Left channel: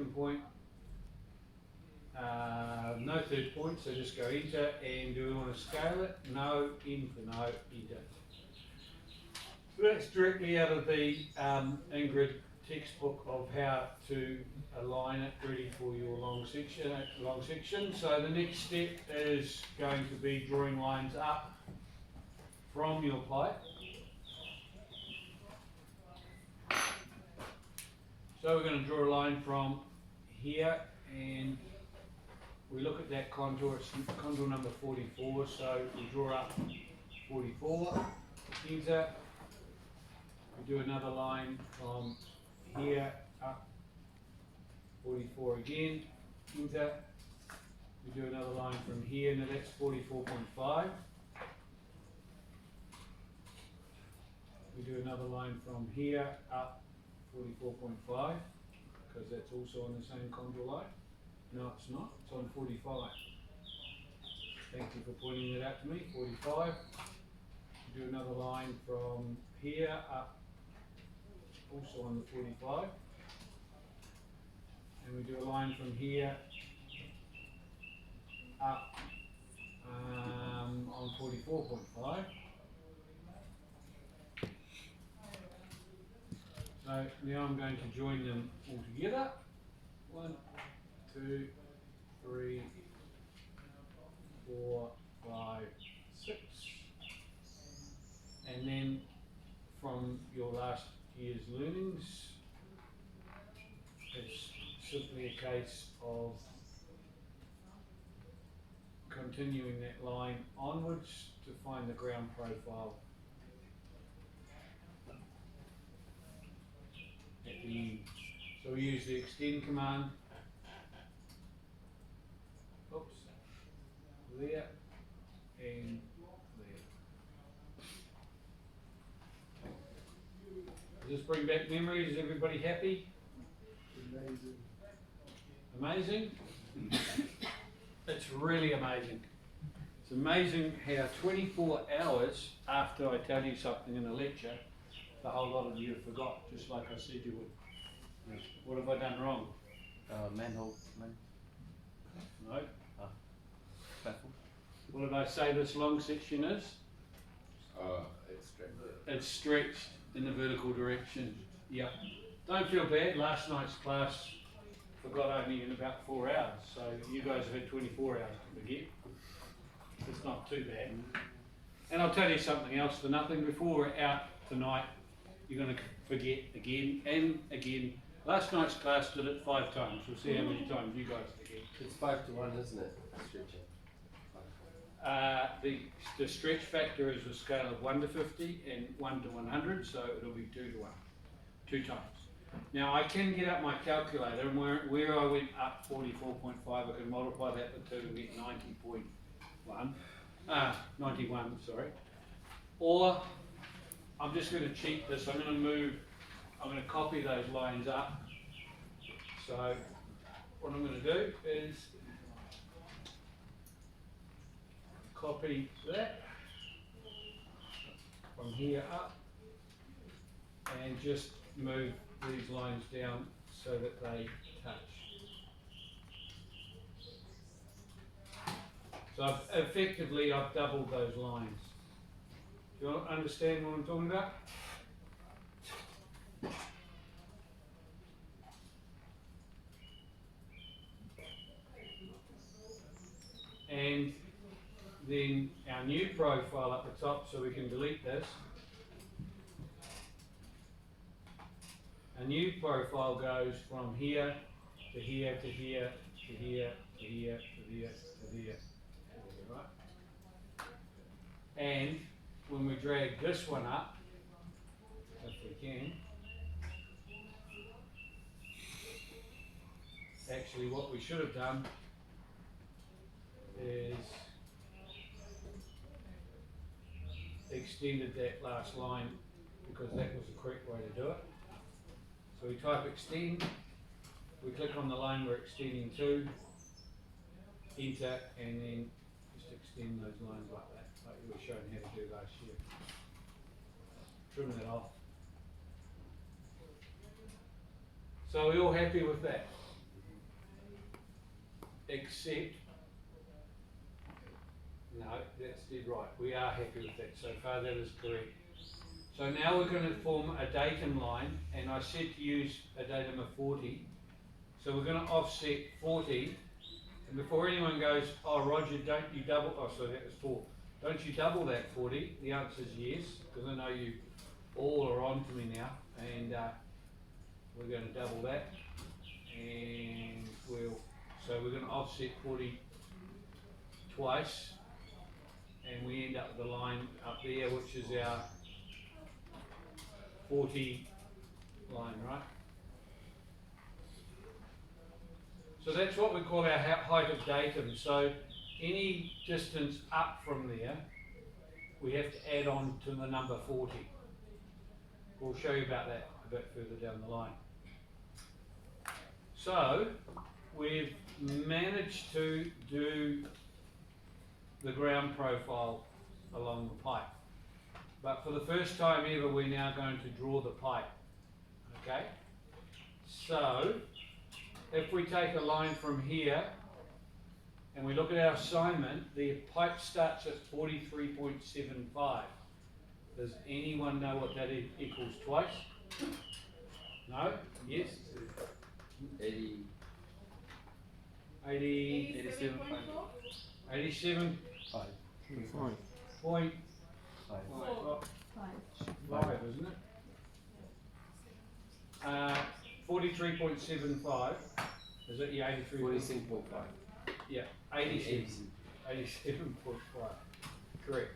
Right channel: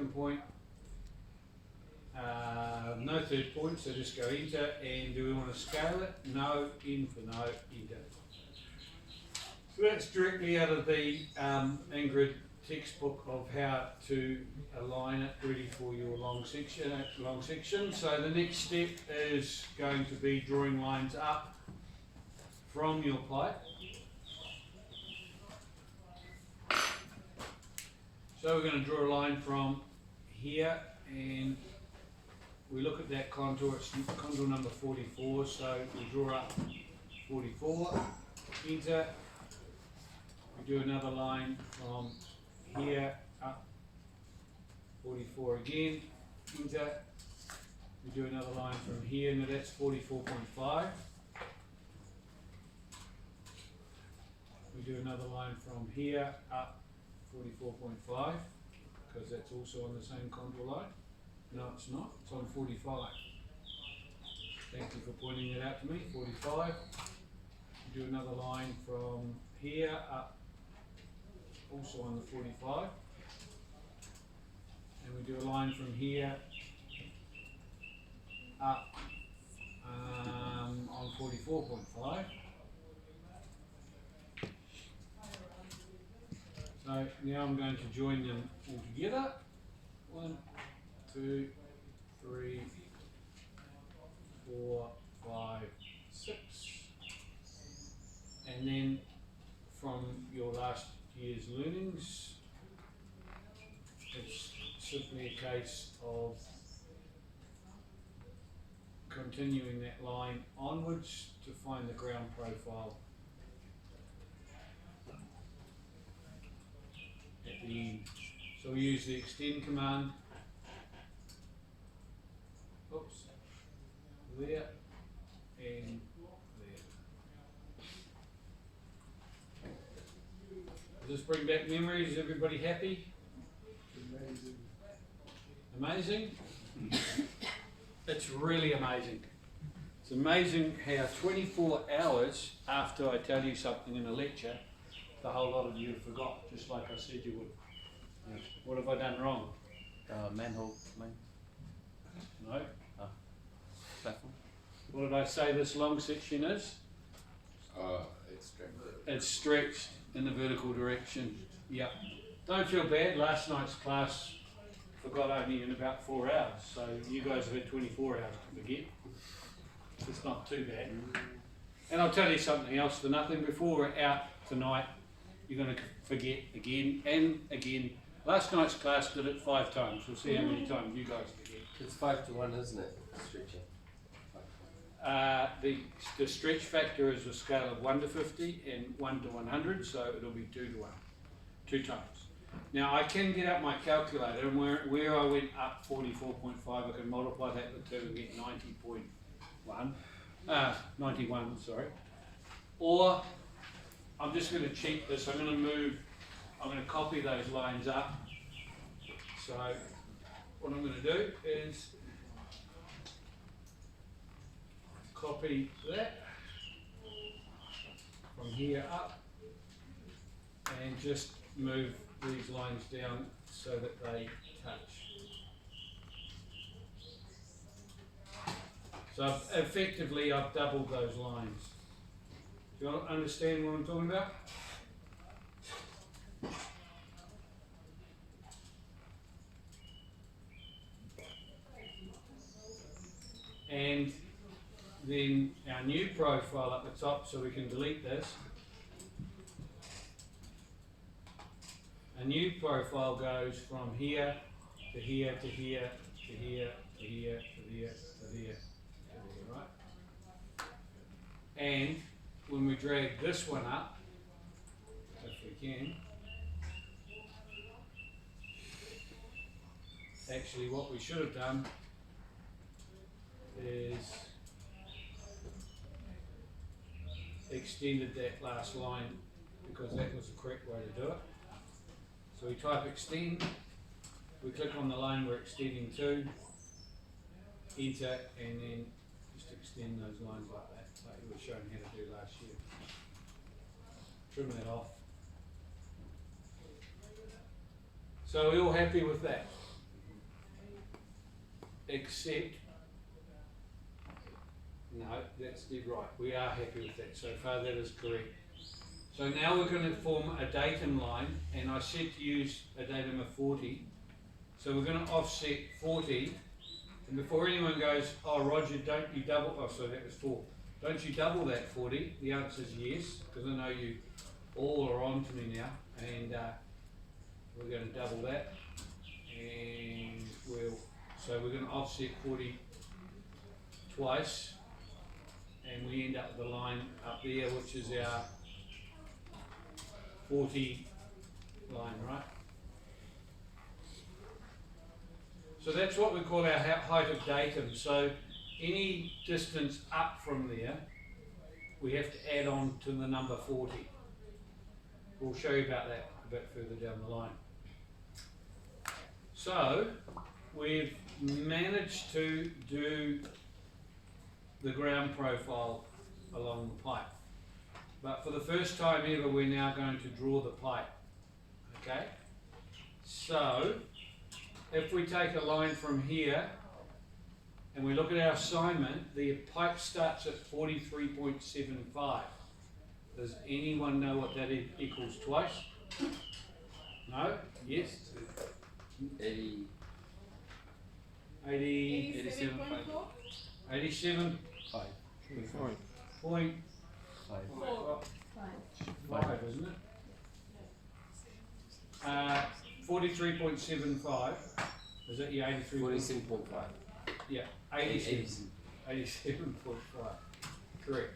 second point, no third point, so just go enter. And do we want to scale it? No, in for no, enter. So that's directly out of the Ingrid textbook of how to align it ready for your long section. So the next step is going to be drawing lines up from your pipe. So we're going to draw a line from here, and we look at that contour. It's contour number 44, so we draw up 44, enter. We do another line from here up 44 again, enter. We do another line from here, now that's 44.5. We do another line from here up 44.5, because that's also on the same contour line. No, it's not, it's on 45. Thank you for pointing that out to me, 45. We do another line from here up, also on the 45. And we do a line from here up on 44.5. So now I'm going to join them all together. 1, 2, 3, 4, 5, 6. And then from your last year's learnings, it's simply a case of continuing that line onwards to find the ground profile at the end. So we use the extend command. Oops, there and there. Does this bring back memories? Is everybody happy? Amazing? It's really amazing. It's amazing how 24 hours after I tell you something in a lecture, the whole lot of you have forgot, just like I said you would. Yes. What have I done wrong? Manhole. No. Platform. What did I say this long section is? It's stretched in the vertical direction. Yeah. Don't feel bad. Last night's class forgot only in about 4 hours, so you guys have had 24 hours to forget. It's not too bad. And I'll tell you something else for nothing. Before we're out tonight, you're going to forget again and again. Last night's class did it 5 times. We'll see how many times you guys forget. It's 5 to 1, isn't it? Stretching. The stretch factor is a scale of 1 to 50 and 1 to 100, so it'll be 2 to 1, 2 times. Now I can get up my calculator, and where I went up 44.5, I can multiply that with 2 and get 90.1, 91, sorry. Or I'm just going to cheat this. I'm going to copy those lines up. So what I'm going to do is copy that from here up and just move these lines down so that they touch. So effectively I've doubled those lines. Do you understand what I'm talking about? And then our new profile at the top, so we can delete this. A new profile goes from here to here to here to here to here to here to here to here, right? And when we drag this one up, if we can, actually what we should have done is extended that last line, because that was the correct way to do it. So we type extend, we click on the line we're extending to, enter, and then just extend those lines like that, like we were shown how to do last year. Trim that off. So we're all happy with that? except, no, that's dead right, we are happy with that, so far that is correct. So now we're going to form a datum line, and I said to use a datum of 40, so we're going to offset 40, and before anyone goes, oh Roger, don't you double, oh sorry that was 4, don't you double that 40, the answer is yes, because I know you all are on to me now, and we're going to double that, and so we're going to offset 40 twice, and we end up with the line up there, which is our 40 line, right? So that's what we call our height of datum. So any distance up from there, we have to add on to the number 40. We'll show you about that a bit further down the line. So we've managed to do the ground profile along the pipe. But for the first time ever, we're now going to draw the pipe. Okay? So if we take a line from here and we look at our assignment, the pipe starts at 43.75. Does anyone know what that equals twice? No? Yes? 80. 87. 5. Point 5. 5, isn't it? 43.75. Is that your 83? 47.5. Yeah, 87. 87.5. Correct.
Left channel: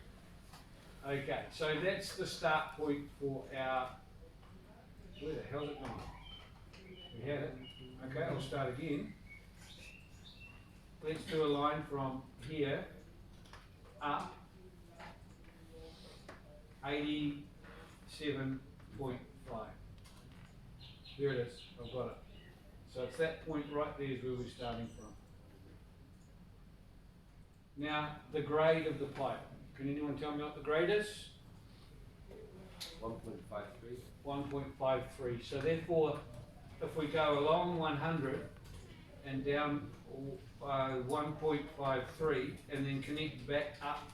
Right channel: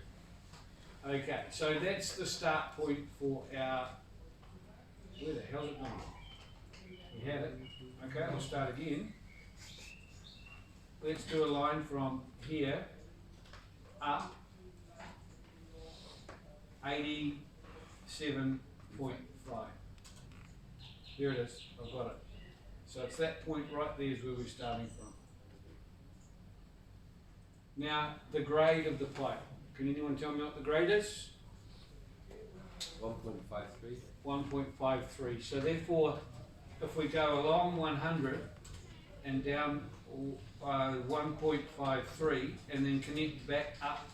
Okay, so that's the start point for our. Where the hell is it going? We had it. Okay, I'll start again. Let's do a line from here up 87.5. There it is, I've got it. So it's that point right there is where we're starting from. Now, the grade of the pipe. Can anyone tell me what the grade is? 1.53. 1.53. So therefore, if we go along 100 and down 1.53 and then connect back up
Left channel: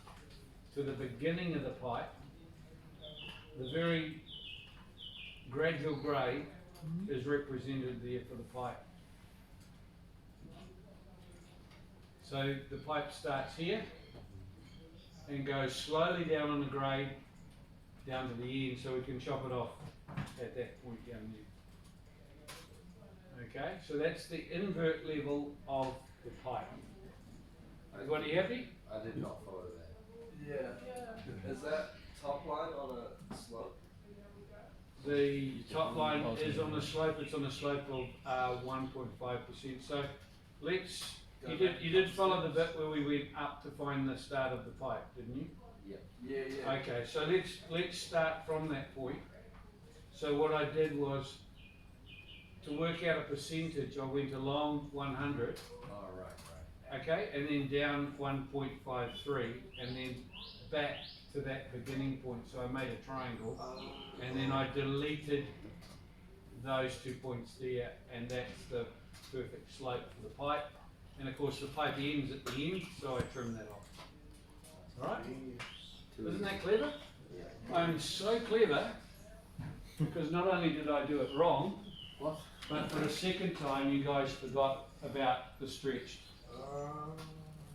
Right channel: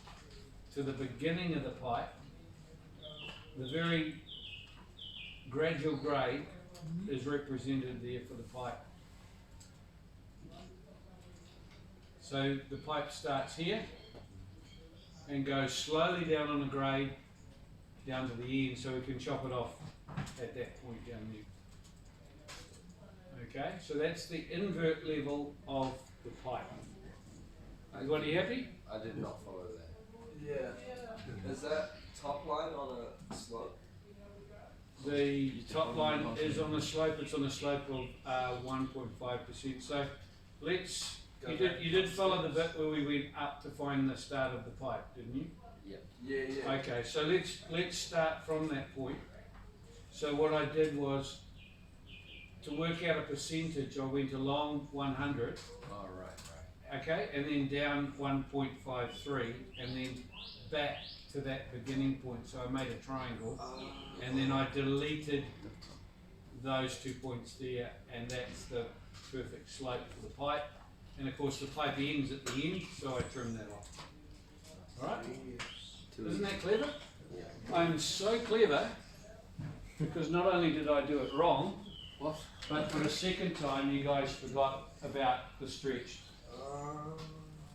to the beginning of the pipe, the very gradual grade is represented there for the pipe. So the pipe starts here and goes slowly down on the grade down to the end, so we can chop it off at that point down there. Okay, so that's the invert level of the pipe. Everybody happy? I did not follow that. Yeah. Is that top line on a slope? The top line is on a slope. It's on a slope of 1.5%. So let's. You did follow the bit where we went up to find the start of the pipe, didn't you? Yeah. Okay, so let's start from that point. So what I did was, to work out a percentage, I went along 100. Oh, right. Okay, and then down 1.53, and then back to that beginning point. So I made a triangle, and then I deleted those 2 points there, and that's the perfect slope for the pipe. And of course the pipe ends at the end, so I trim that off. Alright? Isn't that clever? Yeah. I'm so clever, because not only did I do it wrong, but for the second time you guys forgot about the stretch.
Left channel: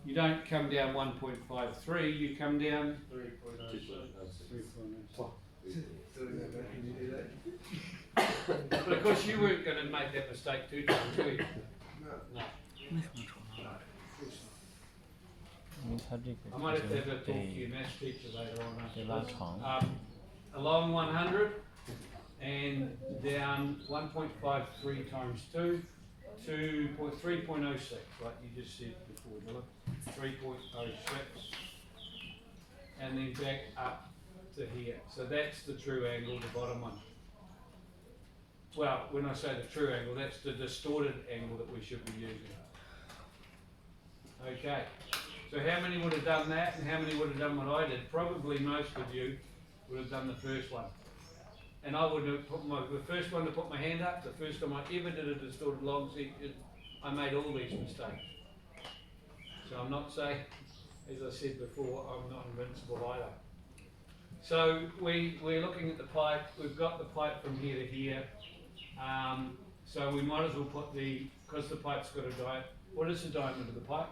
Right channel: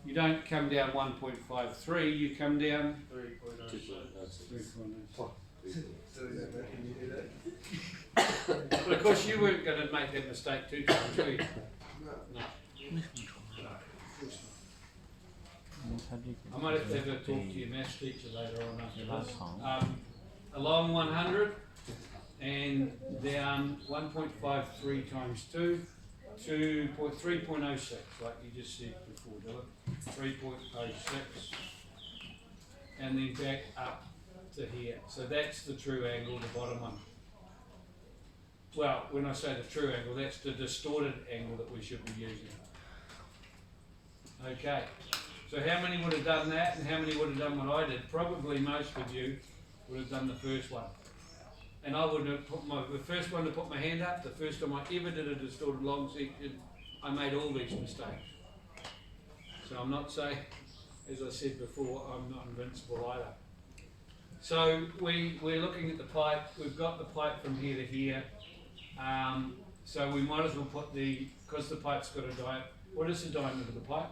You don't come down 1.53, you come down 3.06. But of course you weren't going to make that mistake 2 times, were you? No. I might have to talk to your maths teacher later on after this. Along 100 and down 1.53 times 2 to 3.06, like you just said before, Dylan. 3.06, and then back up to here. So that's the true angle, the bottom one. Well, when I say the true angle, that's the distorted angle that we should be using. Okay, so how many would have done that, and how many would have done what I did? Probably most of you would have done the first one. And I would have put the first one to put my hand up, the first time I ever did a distorted long section, I made all these mistakes. So I'm not saying, as I said before, I'm not invincible either. So we're looking at the pipe, we've got the pipe from here to here. So we might as well put because the pipe's got a diameter, what is the diameter of the pipe?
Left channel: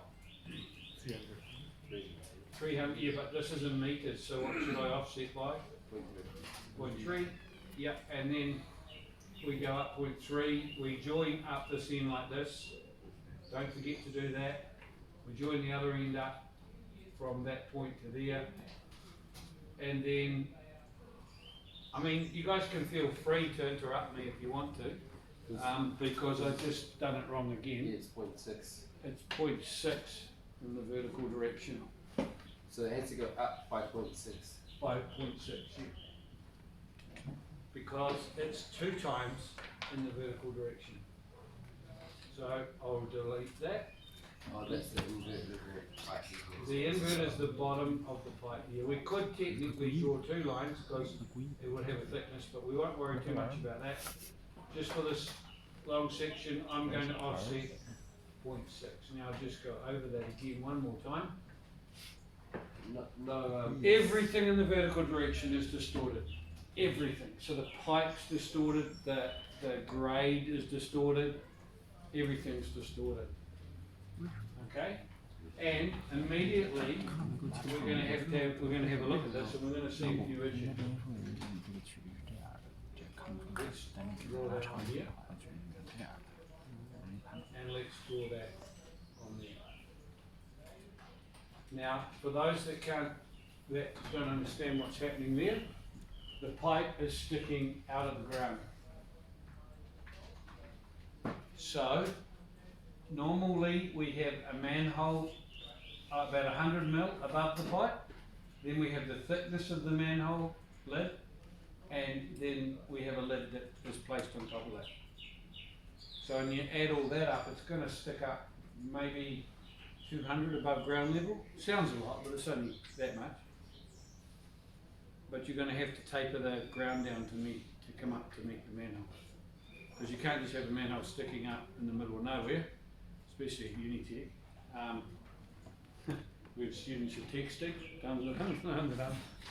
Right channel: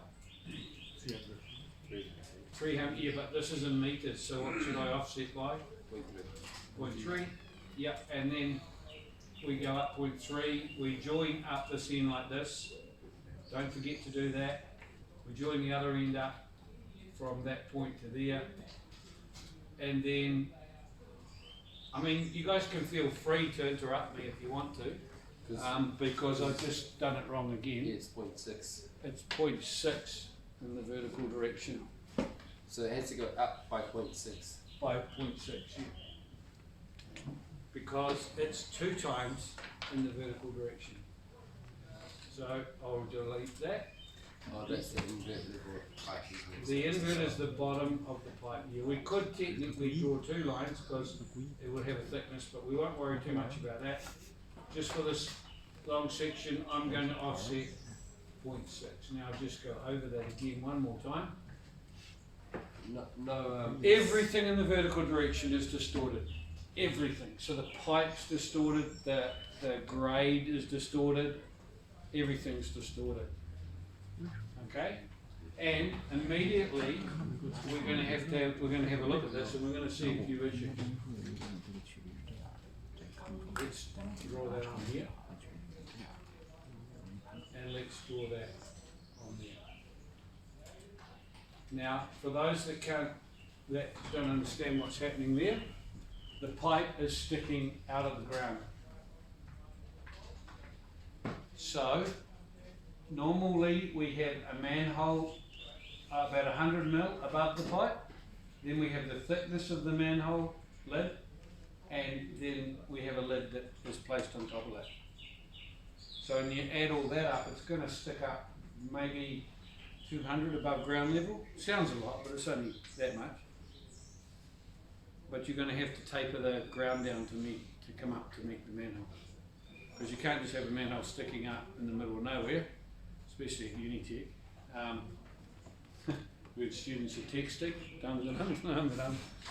300, yeah, but this is in meters, so what should I offset by? 0.3, yeah, and then we go up 0.3, we join up this end like this, don't forget to do that. We join the other end up from that point to there, and then, I mean, you guys can feel free to interrupt me if you want to, because I've just done it wrong again. Yeah, it's 0.6. It's 0.6 in the vertical direction. So it has to go up by 0.6. By 0.6, yeah. Because it's 2 times in the vertical direction. So I'll delete that. Oh, that's the inverted pipe. The invert is the bottom of the pipe here. We could technically draw 2 lines because it would have a thickness, but we won't worry too much about that. Just for this long section, I'm going to offset 0.6. Now I'll just go over that again one more time. Everything in the vertical direction is distorted. Everything. So the pipe's distorted, the grade is distorted, everything's distorted. Okay? And immediately we're going to have a look at this, and we're going to see a few issues. Let's draw that on here, and let's draw that on there. Now, for those that don't understand what's happening there, the pipe is sticking out of the ground. So, normally we have a manhole about 100 mil above the pipe, then we have the thickness of the manhole lid, and then we have a lid that is placed on top of that. So when you add all that up, it's going to stick up maybe 200 above ground level. Sounds a lot, but it's only that much. But you're going to have to taper the ground down to come up to meet the manhole. Because you can't just have a manhole sticking up in the middle of nowhere, especially at Unitech. With students are texting,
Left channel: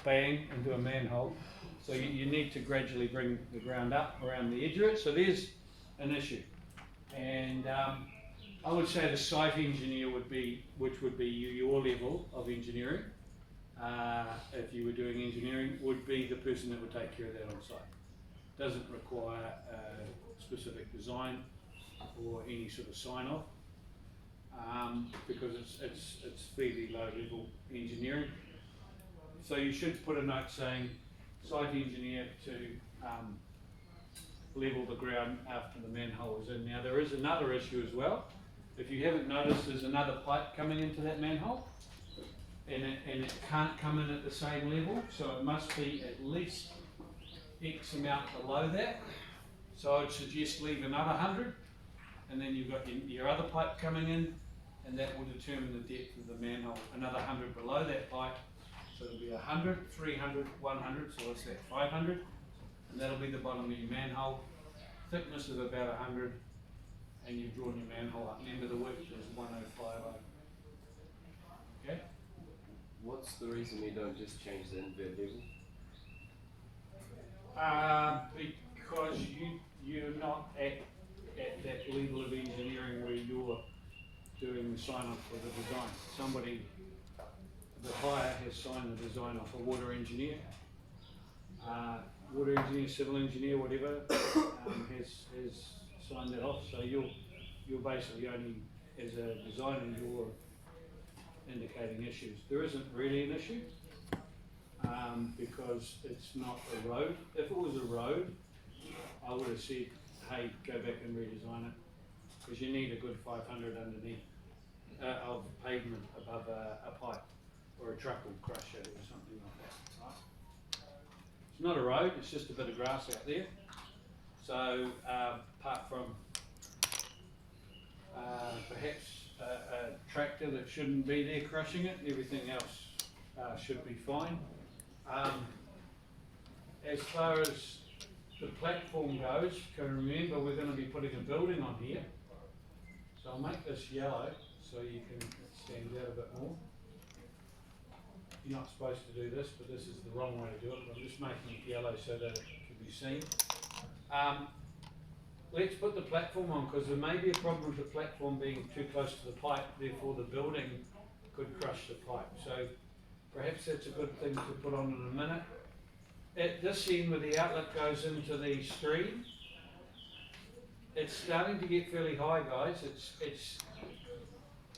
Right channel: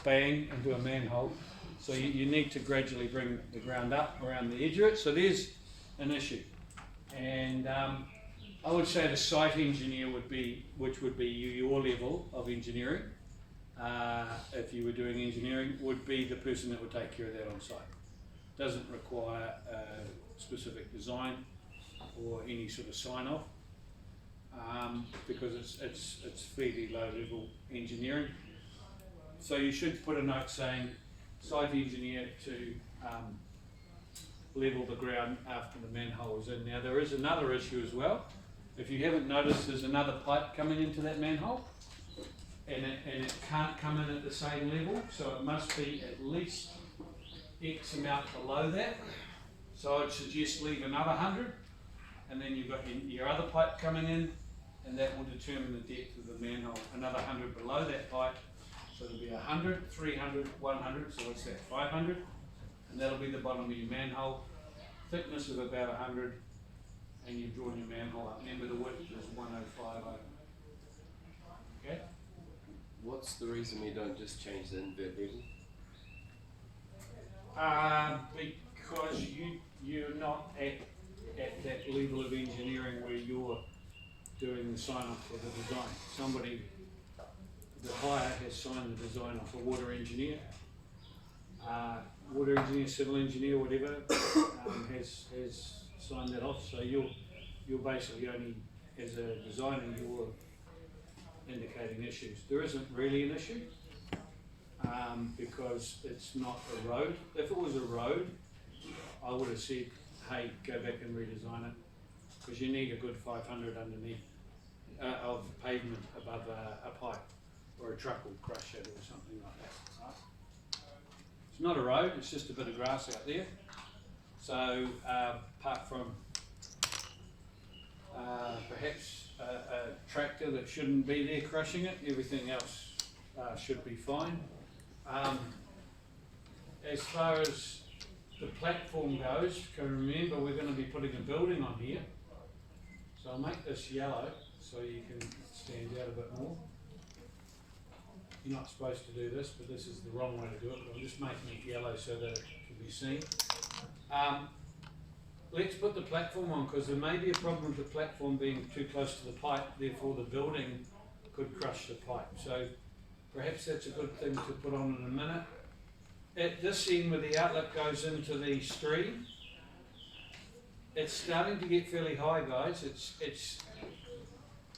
bang into a manhole. So you need to gradually bring the ground up around the edge of it. So there's an issue. And I would say the site engineer which would be your level of engineering, if you were doing engineering, would be the person that would take care of that on site. Doesn't require specific design or any sort of sign off, because it's fairly low level engineering. So you should put a note saying site engineer to level the ground after the manhole is in. Now there is another issue as well. If you haven't noticed, there's another pipe coming into that manhole, and it can't come in at the same level, so it must be at least X amount below that. So I'd suggest leave another 100, and then you've got your other pipe coming in, and that will determine the depth of the manhole. Another 100 below that pipe, so it'll be 100, 300, 100, so it's that 500, and that'll be the bottom of your manhole. Thickness of about 100, and you've drawn your manhole up. Remember the width is 1050. Okay? What's the reason we don't just change the invert level? Because you're not at that level of engineering where you're doing the sign off for the design. The buyer has signed the design off, a water engineer, civil engineer, whatever, has signed that off. So you're basically only, as a designer, you're indicating issues. There isn't really an issue, because it's not a road. If it was a road, I would have said, hey, go back and redesign it, because you need a good 500 underneath of pavement above a pipe, or a truck will crush it or something like that. Right? It's not a road, it's just a bit of grass out there. So apart from perhaps a tractor that shouldn't be there crushing it, everything else should be fine. As far as the platform goes, can remember we're going to be putting a building on here. So I'll make this yellow so you can stands out a bit more. You're not supposed to do this, but this is the wrong way to do it. I'm just making it yellow so that it can be seen. Let's put the platform on, because there may be a problem with the platform being too close to the pipe, therefore the building could crush the pipe. So perhaps that's a good thing to put on in a minute. At this end where the outlet goes into the stream, it's starting to get fairly high, guys.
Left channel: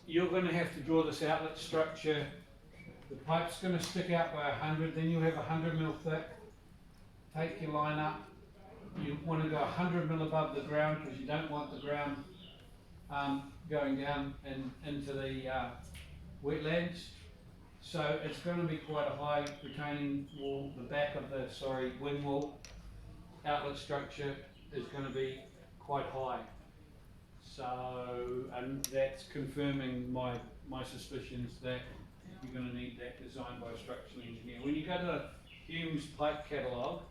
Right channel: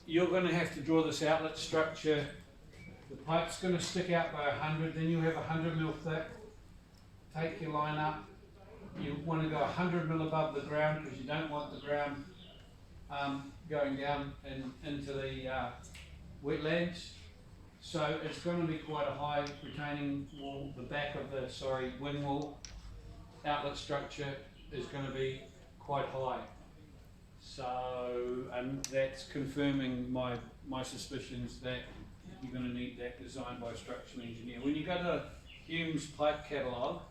You're going to have to draw this outlet structure. The pipe's going to stick out by 100, then you'll have 100 mil thick. Take your line up. You want to go 100 mil above the ground, because you don't want the ground going down into the wetlands. So it's going to be quite a high retaining wall. The back of the wing wall outlet structure is going to be quite high. So, and that's confirming my suspicions that you're going to need that designed by a structural engineer. When you go to Hume's pipe catalogue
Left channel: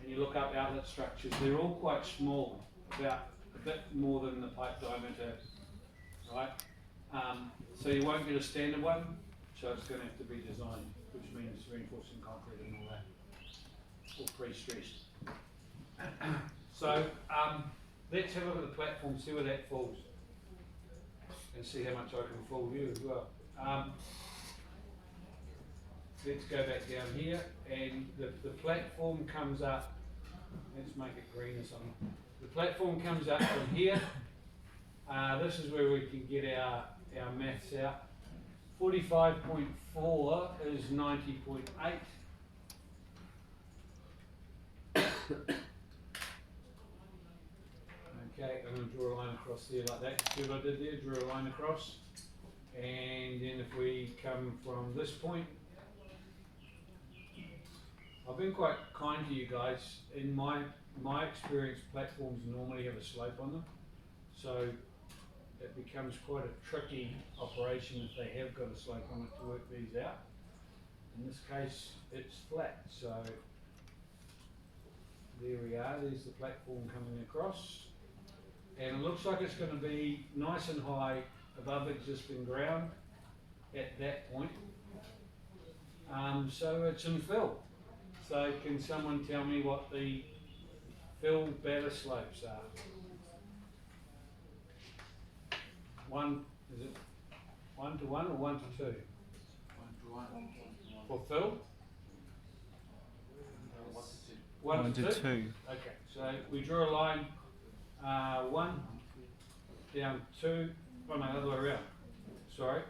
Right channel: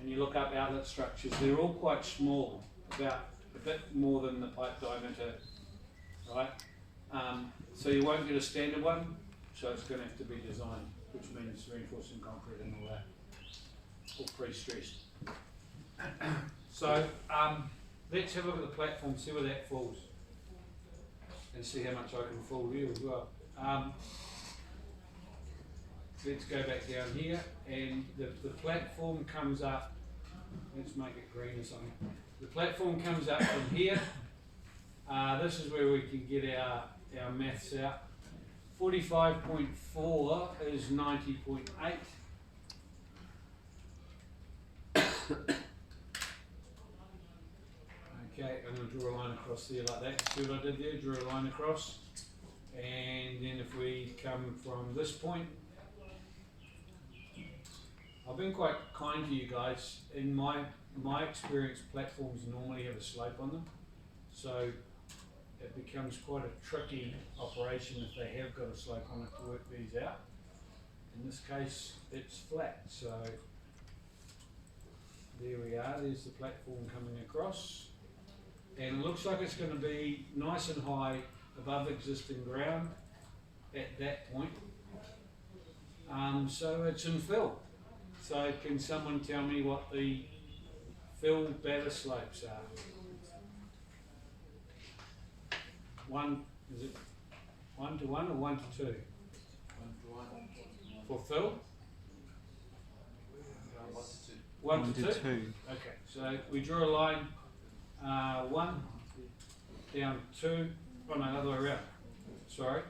and you look up outlet structures, they're all quite small, about a bit more than the pipe diameter, right? So you won't get a standard one, so it's going to have to be designed, which means reinforcing concrete and all that, or pre-stressed. So let's have a look at the platform, see where that falls, and see how much I can fool you as well. Let's go back down here, and the platform comes up. Let's make it green or something. The platform comes up from here. This is where we can get our maths out. 45.4 is 90.8. Okay, I'm going to draw a line across there like that. See what I did there? Drew a line across. And then if we come from this point, I've been quite kind to you guys. In my experience, platforms normally have a slope on them. So it becomes quite a tricky operation if they have got a slope on it to work these out. In this case, it's flat. So there we are. There's the platform coming across. And it looks like it's going to be nice and high above existing ground at that point. So it's in fill. So can someone tell me what the fill batter slopes are? Is it 1 to 1 or 1 to 2? 1 to 1. For fill? 1 to 2. 1 to 2? Okay, so we draw a line 1 down 2, oh no, other way around, sorry.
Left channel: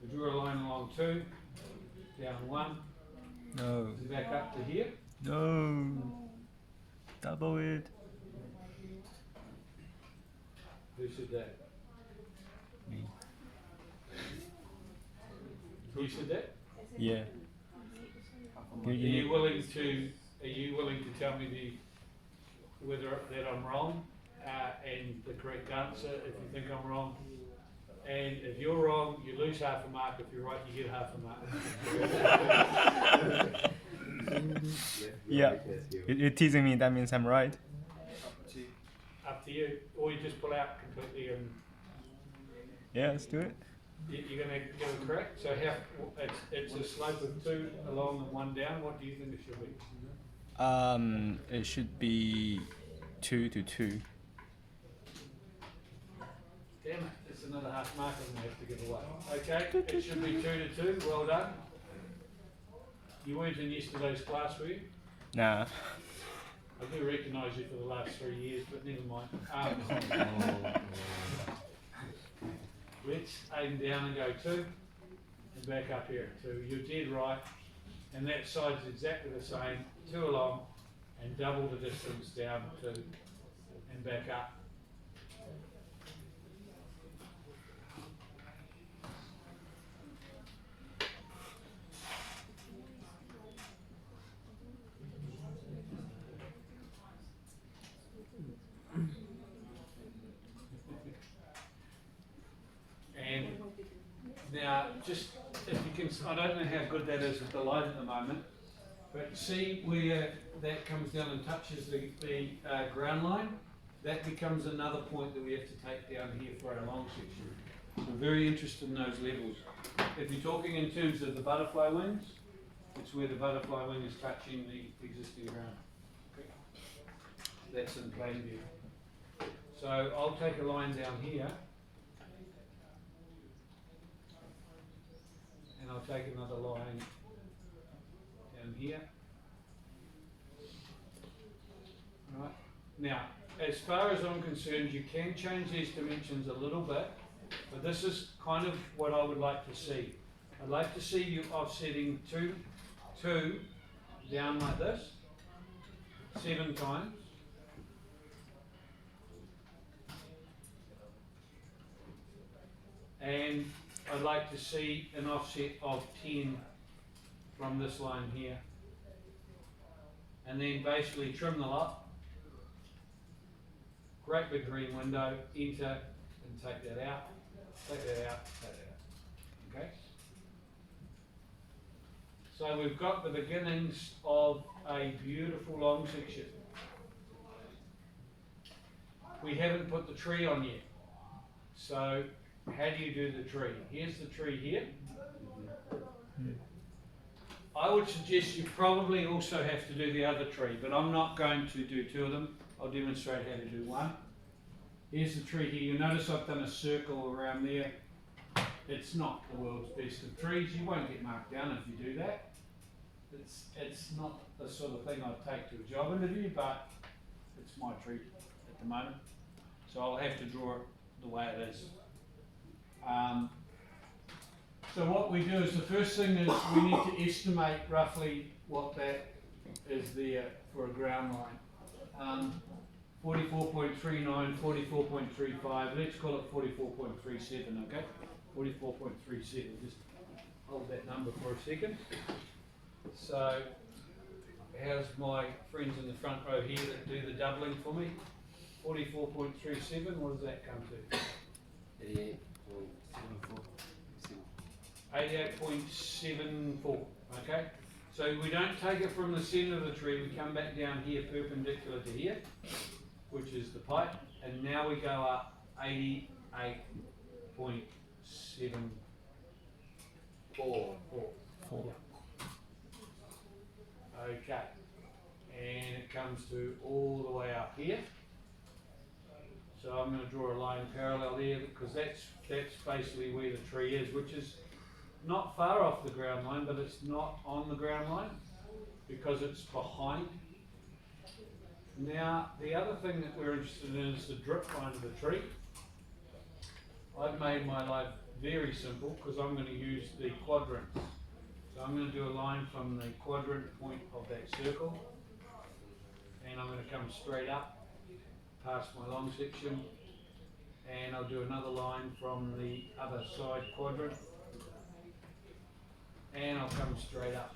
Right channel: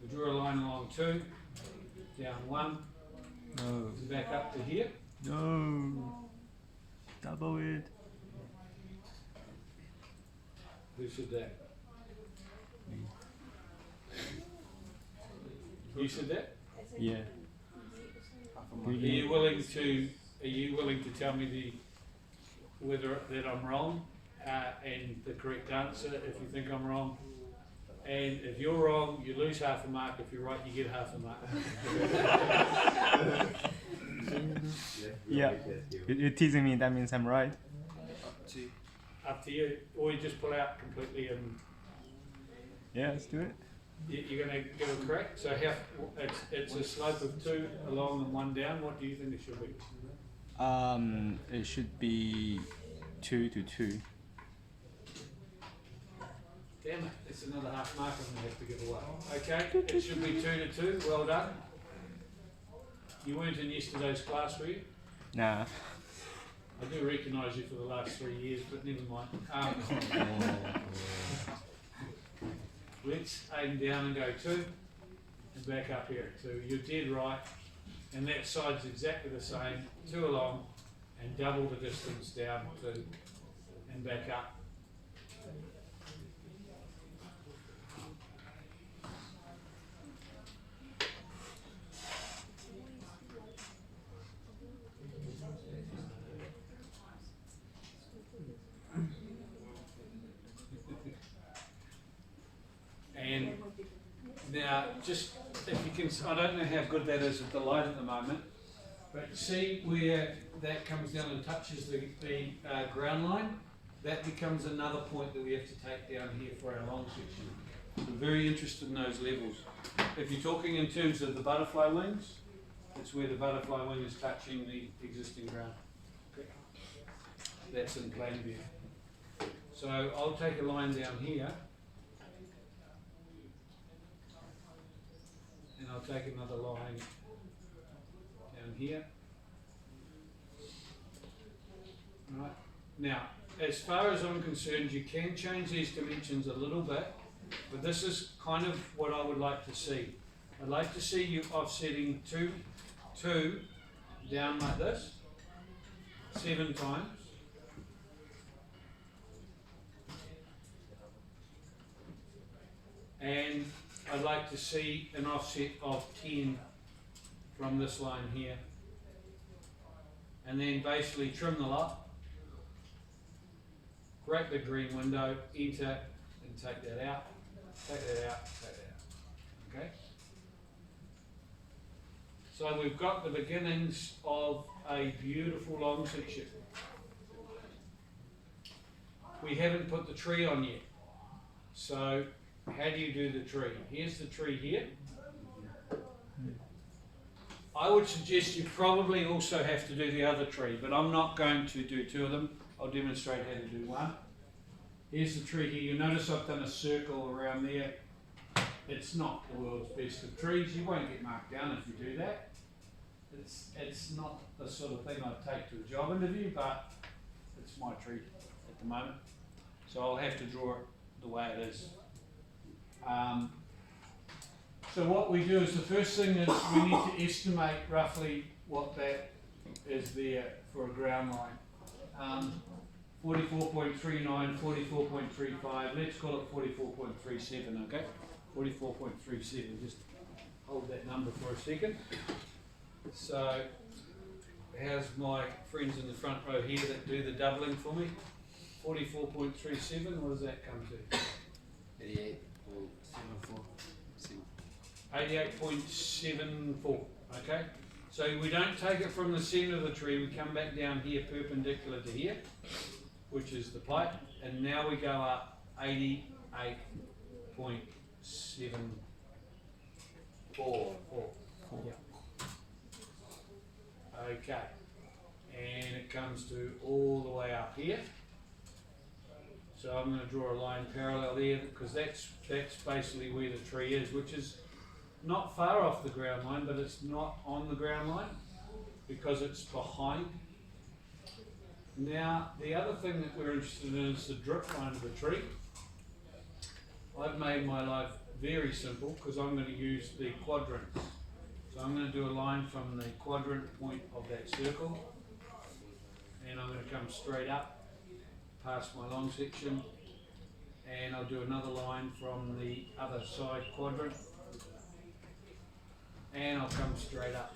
We draw a line along 2, down 1, No. back up to here. No. Double it. Who said that? Me. You said that? Yeah. Are you willing to tell me whether that I'm wrong and the correct answer if you think I'm wrong? And if you're wrong, you lose half a mark. If you're right, you get half a mark. Yeah. You're teasing me. That means I'm right. Up to you. Or you just pull out completely and Yeah, let's do it. you're going to get it correct. So it's a slope of 2 along and 1 down. What do you think it should be? It should be 2 to 2. Damn it, it's another half mark I'm going to have to give away. Okay, it should be 2 to 2, well done. You weren't in yesterday's class, were you? Nah. I do recognise you for the last 3 years, but never mind. Let's aim down and go 2, and back up here at 2. You're dead right, and that side's exactly the same, 2 along, and double the distance down 2, and back up. And now, just if you can, I don't know how good that is with the light at the moment, but see where that comes down and touches the ground line? that becomes another point that we have to take down here for our long section. So very interested in those levels. If you're talking in terms of the butterfly wings, it's where the butterfly wing is touching the existing ground. Okay. That's in plain view. So I'll take a line down here, and I'll take another line down here. Right. Now, as far as I'm concerned, you can change these dimensions a little bit, but this is kind of what I would like to see. I'd like to see you offsetting 2 down like this, 7 times. And I'd like to see an offset of 10 from this line here. And then basically trim the lot. Great big green window, enter, and take that out, take that out, take that out. Okay? So we've got the beginnings of a beautiful long section. We haven't put the tree on yet. So how do you do the tree? Here's the tree here. I would suggest you probably also have to do the other tree, but I'm not going to do 2 of them. I'll demonstrate how to do 1. Here's the tree here. You'll notice I've done a circle around there. It's not the world's best of trees. You won't get marked down if you do that. It's not the sort of thing I'd take to a job interview, but it's my tree at the moment. So I'll have to draw it the way it is. So what we do is the first thing is we need to estimate roughly what that is there for a ground line. 44.39, 44.35, let's call it 44.37, okay? 44.37, just hold that number for a second. So, how's my friends in the front row here that do the doubling for me? 44.37, what does that come to? 88.74, okay? So we don't take it from the centre of the tree, we come back down here perpendicular to here, which is the pipe, and now we go up 88.74. Yeah. Okay, and it comes to all the way up here. So I'm going to draw a line parallel there because that's basically where the tree is, which is not far off the ground line, but it's not on the ground line because it's behind. Now, the other thing that we're interested in is the drip line of the tree. I've made my life very simple because I'm going to use the quadrants. So I'm going to do a line from the quadrant point of that circle, and I'm going to come straight up past my long section, and I'll do another line from the other side quadrant, and I'll come straight up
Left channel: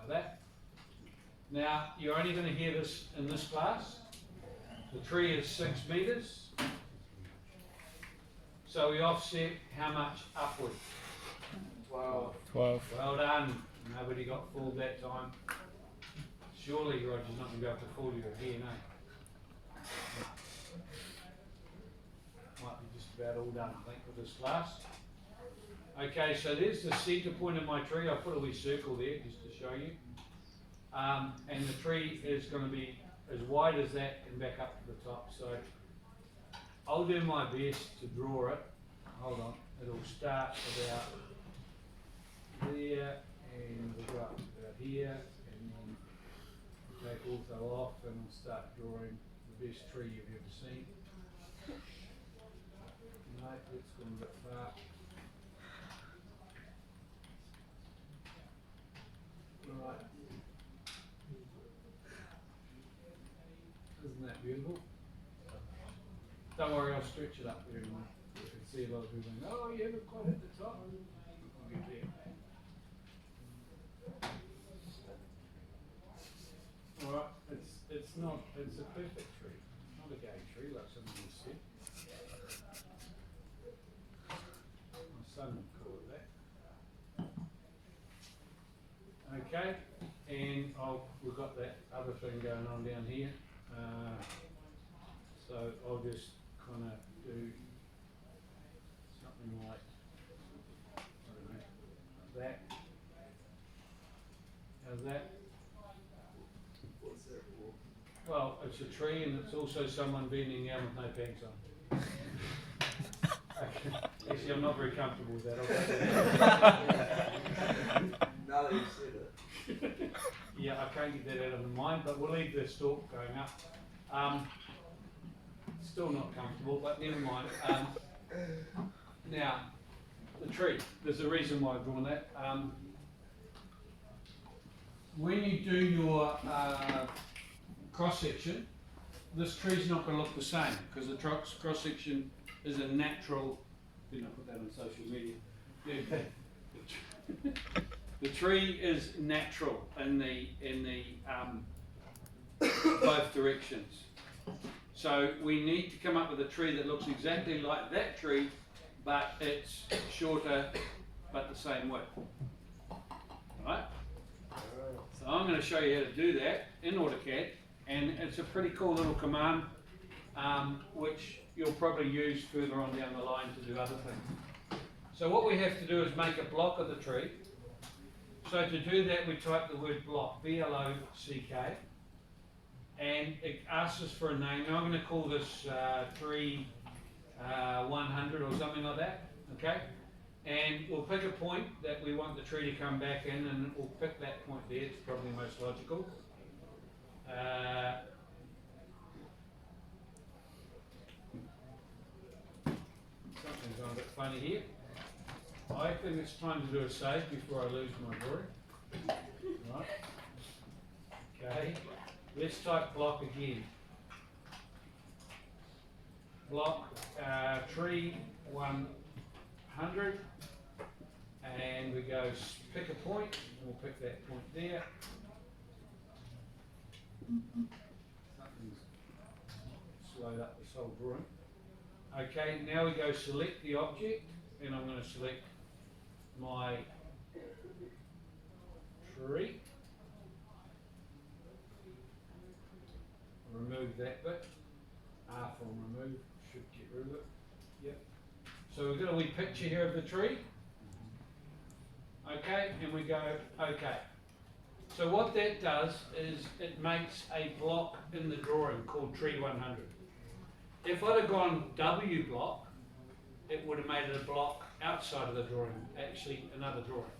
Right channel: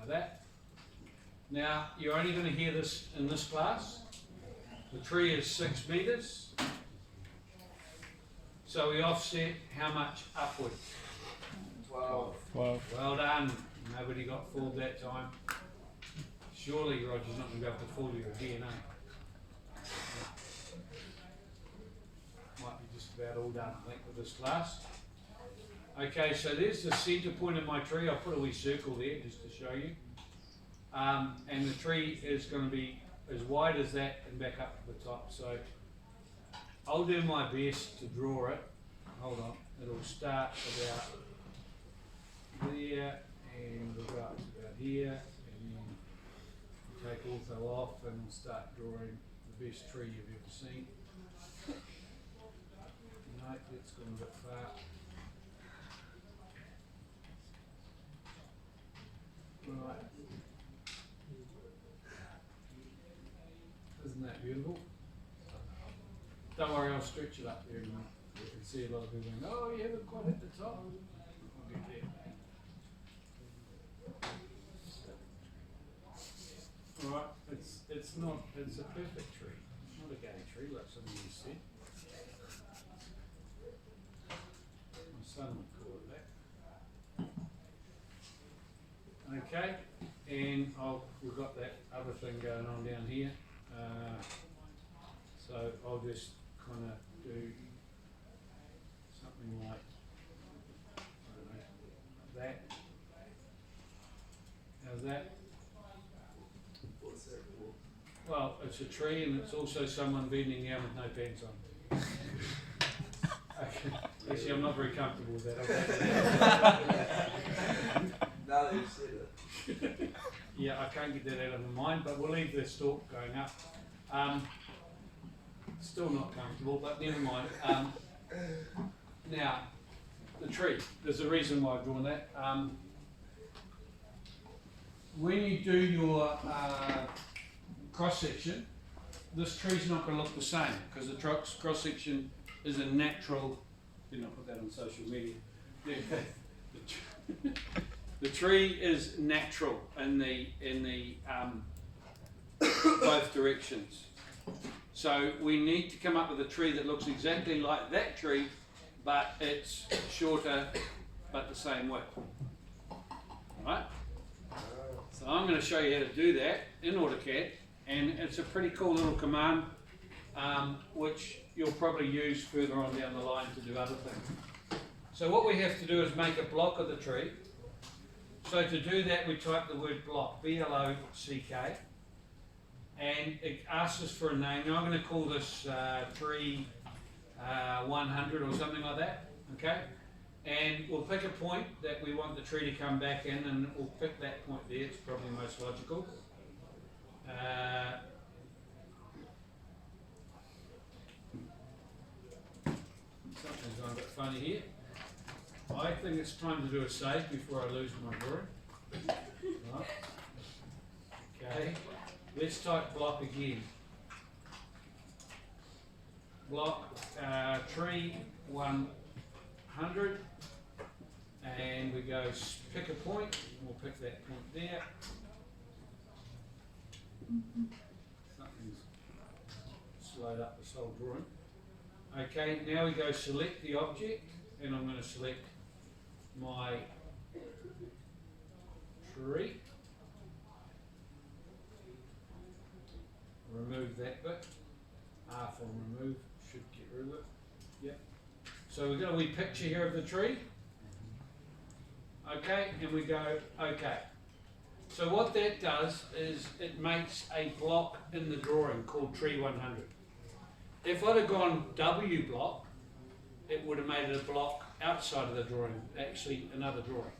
like that. Now, you're only going to hear this in this class. The tree is 6 meters. So we offset how much upward? 12. 12. Well done. Nobody got fooled that time. Surely Roger's not going to go to fool you again, eh? Might be just about all done, I think, with this class. Okay, so there's the centre point of my tree. I'll put a wee circle there just to show you. And the tree is going to be as wide as that and back up to the top. So I'll do my best to draw it. Hold on. It'll start about there and we'll go up to about here and then take ortho off and we'll start drawing the best tree you've ever seen. No, that's gone a bit far. Right. Isn't that beautiful? Don't worry, I'll stretch it up there and you can see a lot of people going, oh, you haven't quite hit the top. I'll get there. Alright, it's a perfect tree. Not a gay tree like somebody said. My son would call it that. Okay, and we've got that other thing going on down here. So I'll just kind of do something like, I don't know, like that. How's that? What's that for? Well, it's a tree and it's also someone bending down with no pants on. Okay. Actually, I'm not very comfortable with that. Now that you said it. Yeah, I can't get that out of my mind, but we'll leave the stalk going up. Still not comfortable, but never mind. Now, the tree, there's a reason why I've drawn that. When you do your cross section, this tree's not going to look the same because the cross section is a natural. Did not put that on social media. The tree is natural in the both directions. So we need to come up with a tree that looks exactly like that tree, but it's shorter, but the same width. Alright? So I'm going to show you how to do that in AutoCAD, and it's a pretty cool little command, which you'll probably use further on down the line to do other things. So what we have to do is make a block of the tree. So to do that, we type the word block, B-L-O-C-K, and it asks us for a name. Now I'm going to call this tree 100 or something like that, okay? And we'll pick a point that we want the tree to come back in, and we'll pick that point there. It's probably most logical. Something's gone a bit funny here. I think it's time to do a save before I lose my drawing. Right. Okay, let's type block again. Block tree 100, and we go pick a point. We'll pick that point there. Something's slowed up this whole drawing. Okay, now we go select the object, and I'm going to select my tree. Remove that bit. R from remove, should get rid of it. Yep. So we've got a wee picture here of the tree. Okay, and we go okay. So what that does is it makes a block in the drawing called tree 100. If I'd have gone W block, it would have made it a block outside of the drawing, actually another drawing.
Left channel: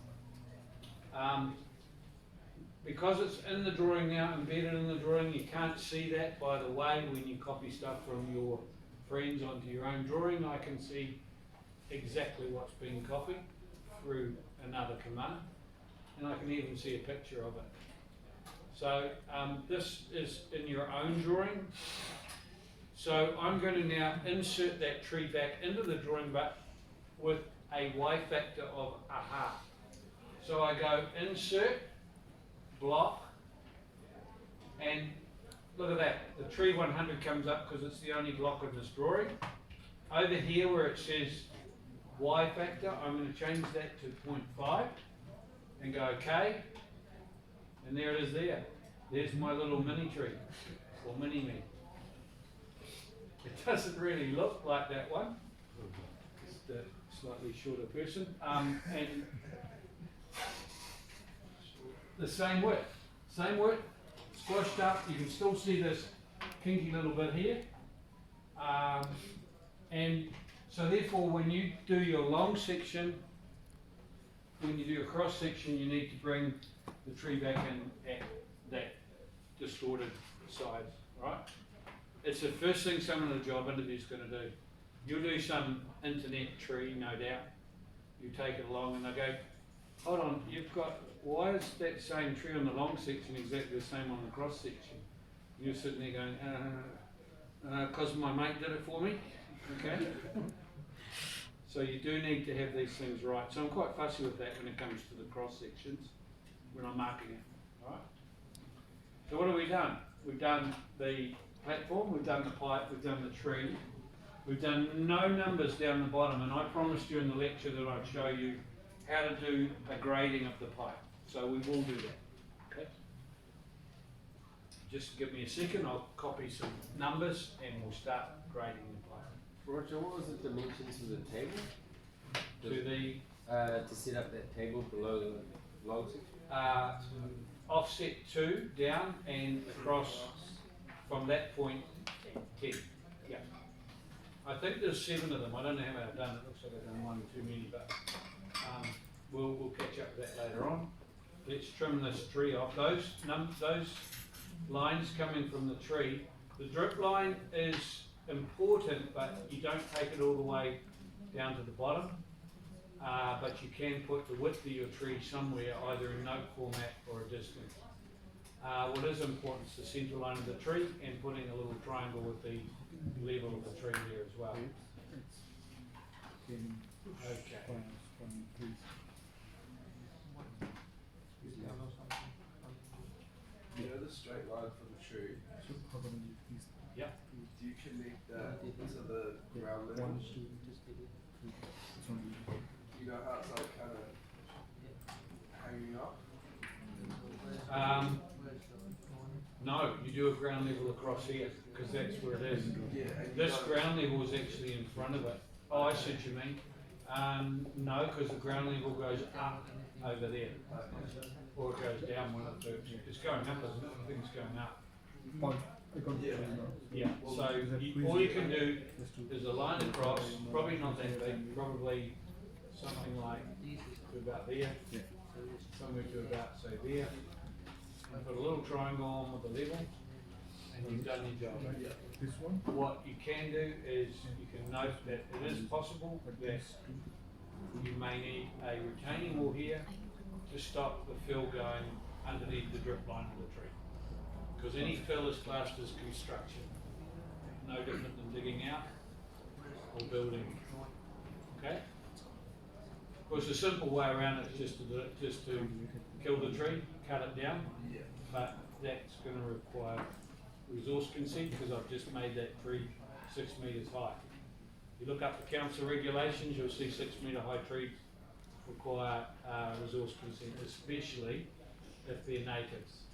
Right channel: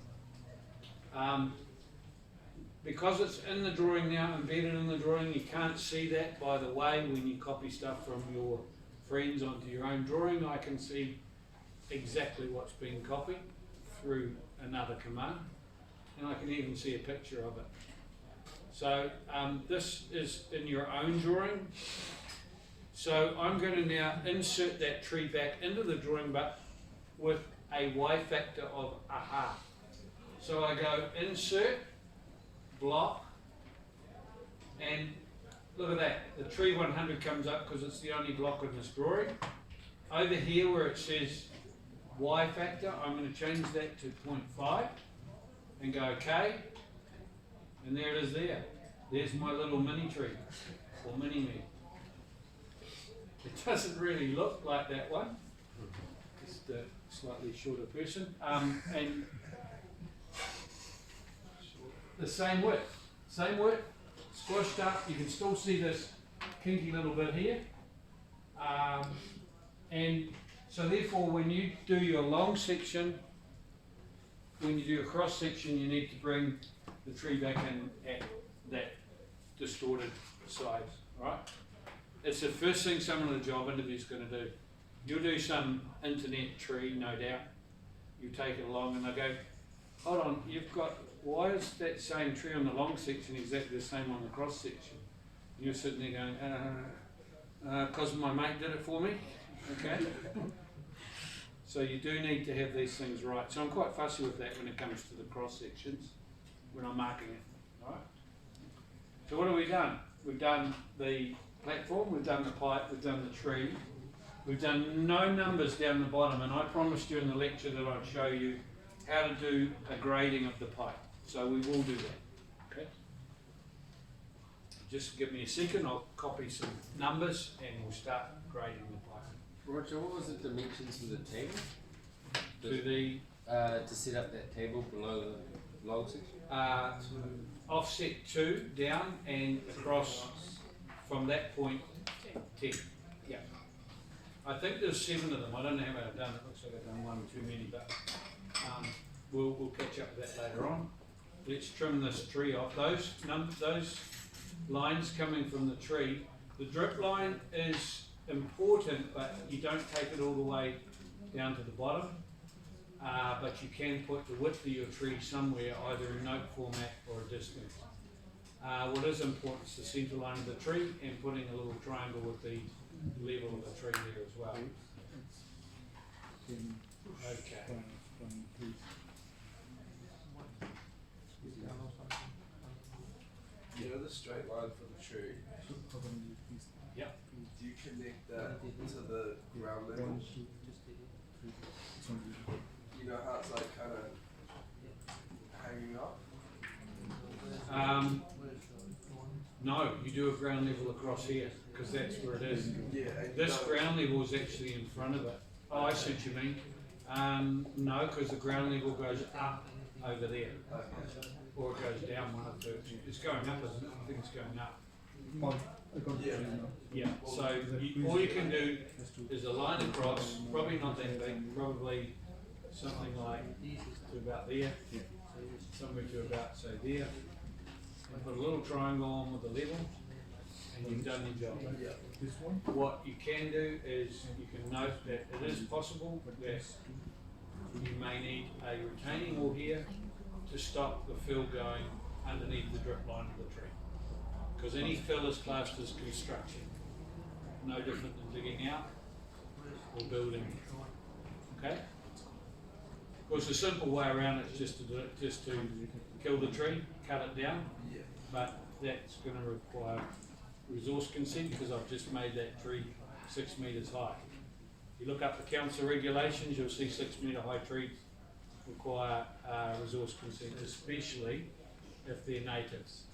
Because it's in the drawing now, embedded in the drawing, you can't see that. By the way, when you copy stuff from your friends onto your own drawing, I can see exactly what's being copied through another command, and I can even see a picture of it. So this is in your own drawing. So I'm going to now insert that tree back into the drawing, but with a Y factor of a half. So I go insert, block, and look at that. The tree 100 comes up because it's the only block in this drawing. Over here where it says Y factor, I'm going to change that to 0.5 and go OK. And there it is there. There's my little mini tree, or mini me. It doesn't really look like that one. Just a slightly shorter person. And the same width, squashed up. You can still see this kinky little bit here. And so therefore when you do your long section, when you do your cross section, you need to bring the tree back in at that distorted size, right? It's the first thing someone in a job interview is going to do. You'll do some internet tree, no doubt. You take it along and they go, hold on, why is that same tree on the long section exactly the same on the cross section? You're sitting there going, because my mate did it for me, okay? So you do need to have these things right. So I'm quite fussy with that when it comes to the cross sections, when I'm marking it, right? So what have we done? We've done the platform, we've done the pipe, we've done the tree. We've done no numbers down the bottom, and I promised you in the lecture that I'd show you how to do a grading of the pipe. So we will do that, okay? just give me a second, I'll copy some numbers and we'll start grading the Python. Roger, what was the dimensions of the table? To the To set up that table below the log section? offset 2 down and across from that point 10. Yeah. I think there's 7 of them. I don't know how many I've done. It looks like I've done one too many, but we'll catch up with that later on. Let's trim this tree off. Those lines coming from the tree, the drip line is important, but you don't take it all the way down to the bottom. But you can put the width of your tree somewhere, either in note format or a distance. What is important is the centre line of the tree and putting a little triangle with the level of the tree there as well. Okay. You know the straight line for the tree? Yeah. Do you connect that to the ground level? You know how it's like kind of hanging up? No, you do a ground level across here, because that's where it is. Yeah. and This no. ground level is actually in front of it. Oh, I see what you mean. No, because the ground level goes up over there, or it goes down one of the two. It's going up, isn't it? I think it's going up. Yeah, so all you can do is a line across, probably not that big, probably something like to about there, somewhere to about, say, there. And put a little triangle on with a level, and you've done your job. What you can do is you can note that it is possible that you may need a retaining wall here to stop the fill going underneath the drip line of the tree. Because any fill is classed as construction, no different than digging out or building. Okay? Of course, a simple way around it is just to do it, just to kill the tree, cut it down, but that's going to require resource consent because I've just made that tree 6 metres high. If you look up the council regulations, you'll see 6 metre high trees require resource consent, especially if they're natives.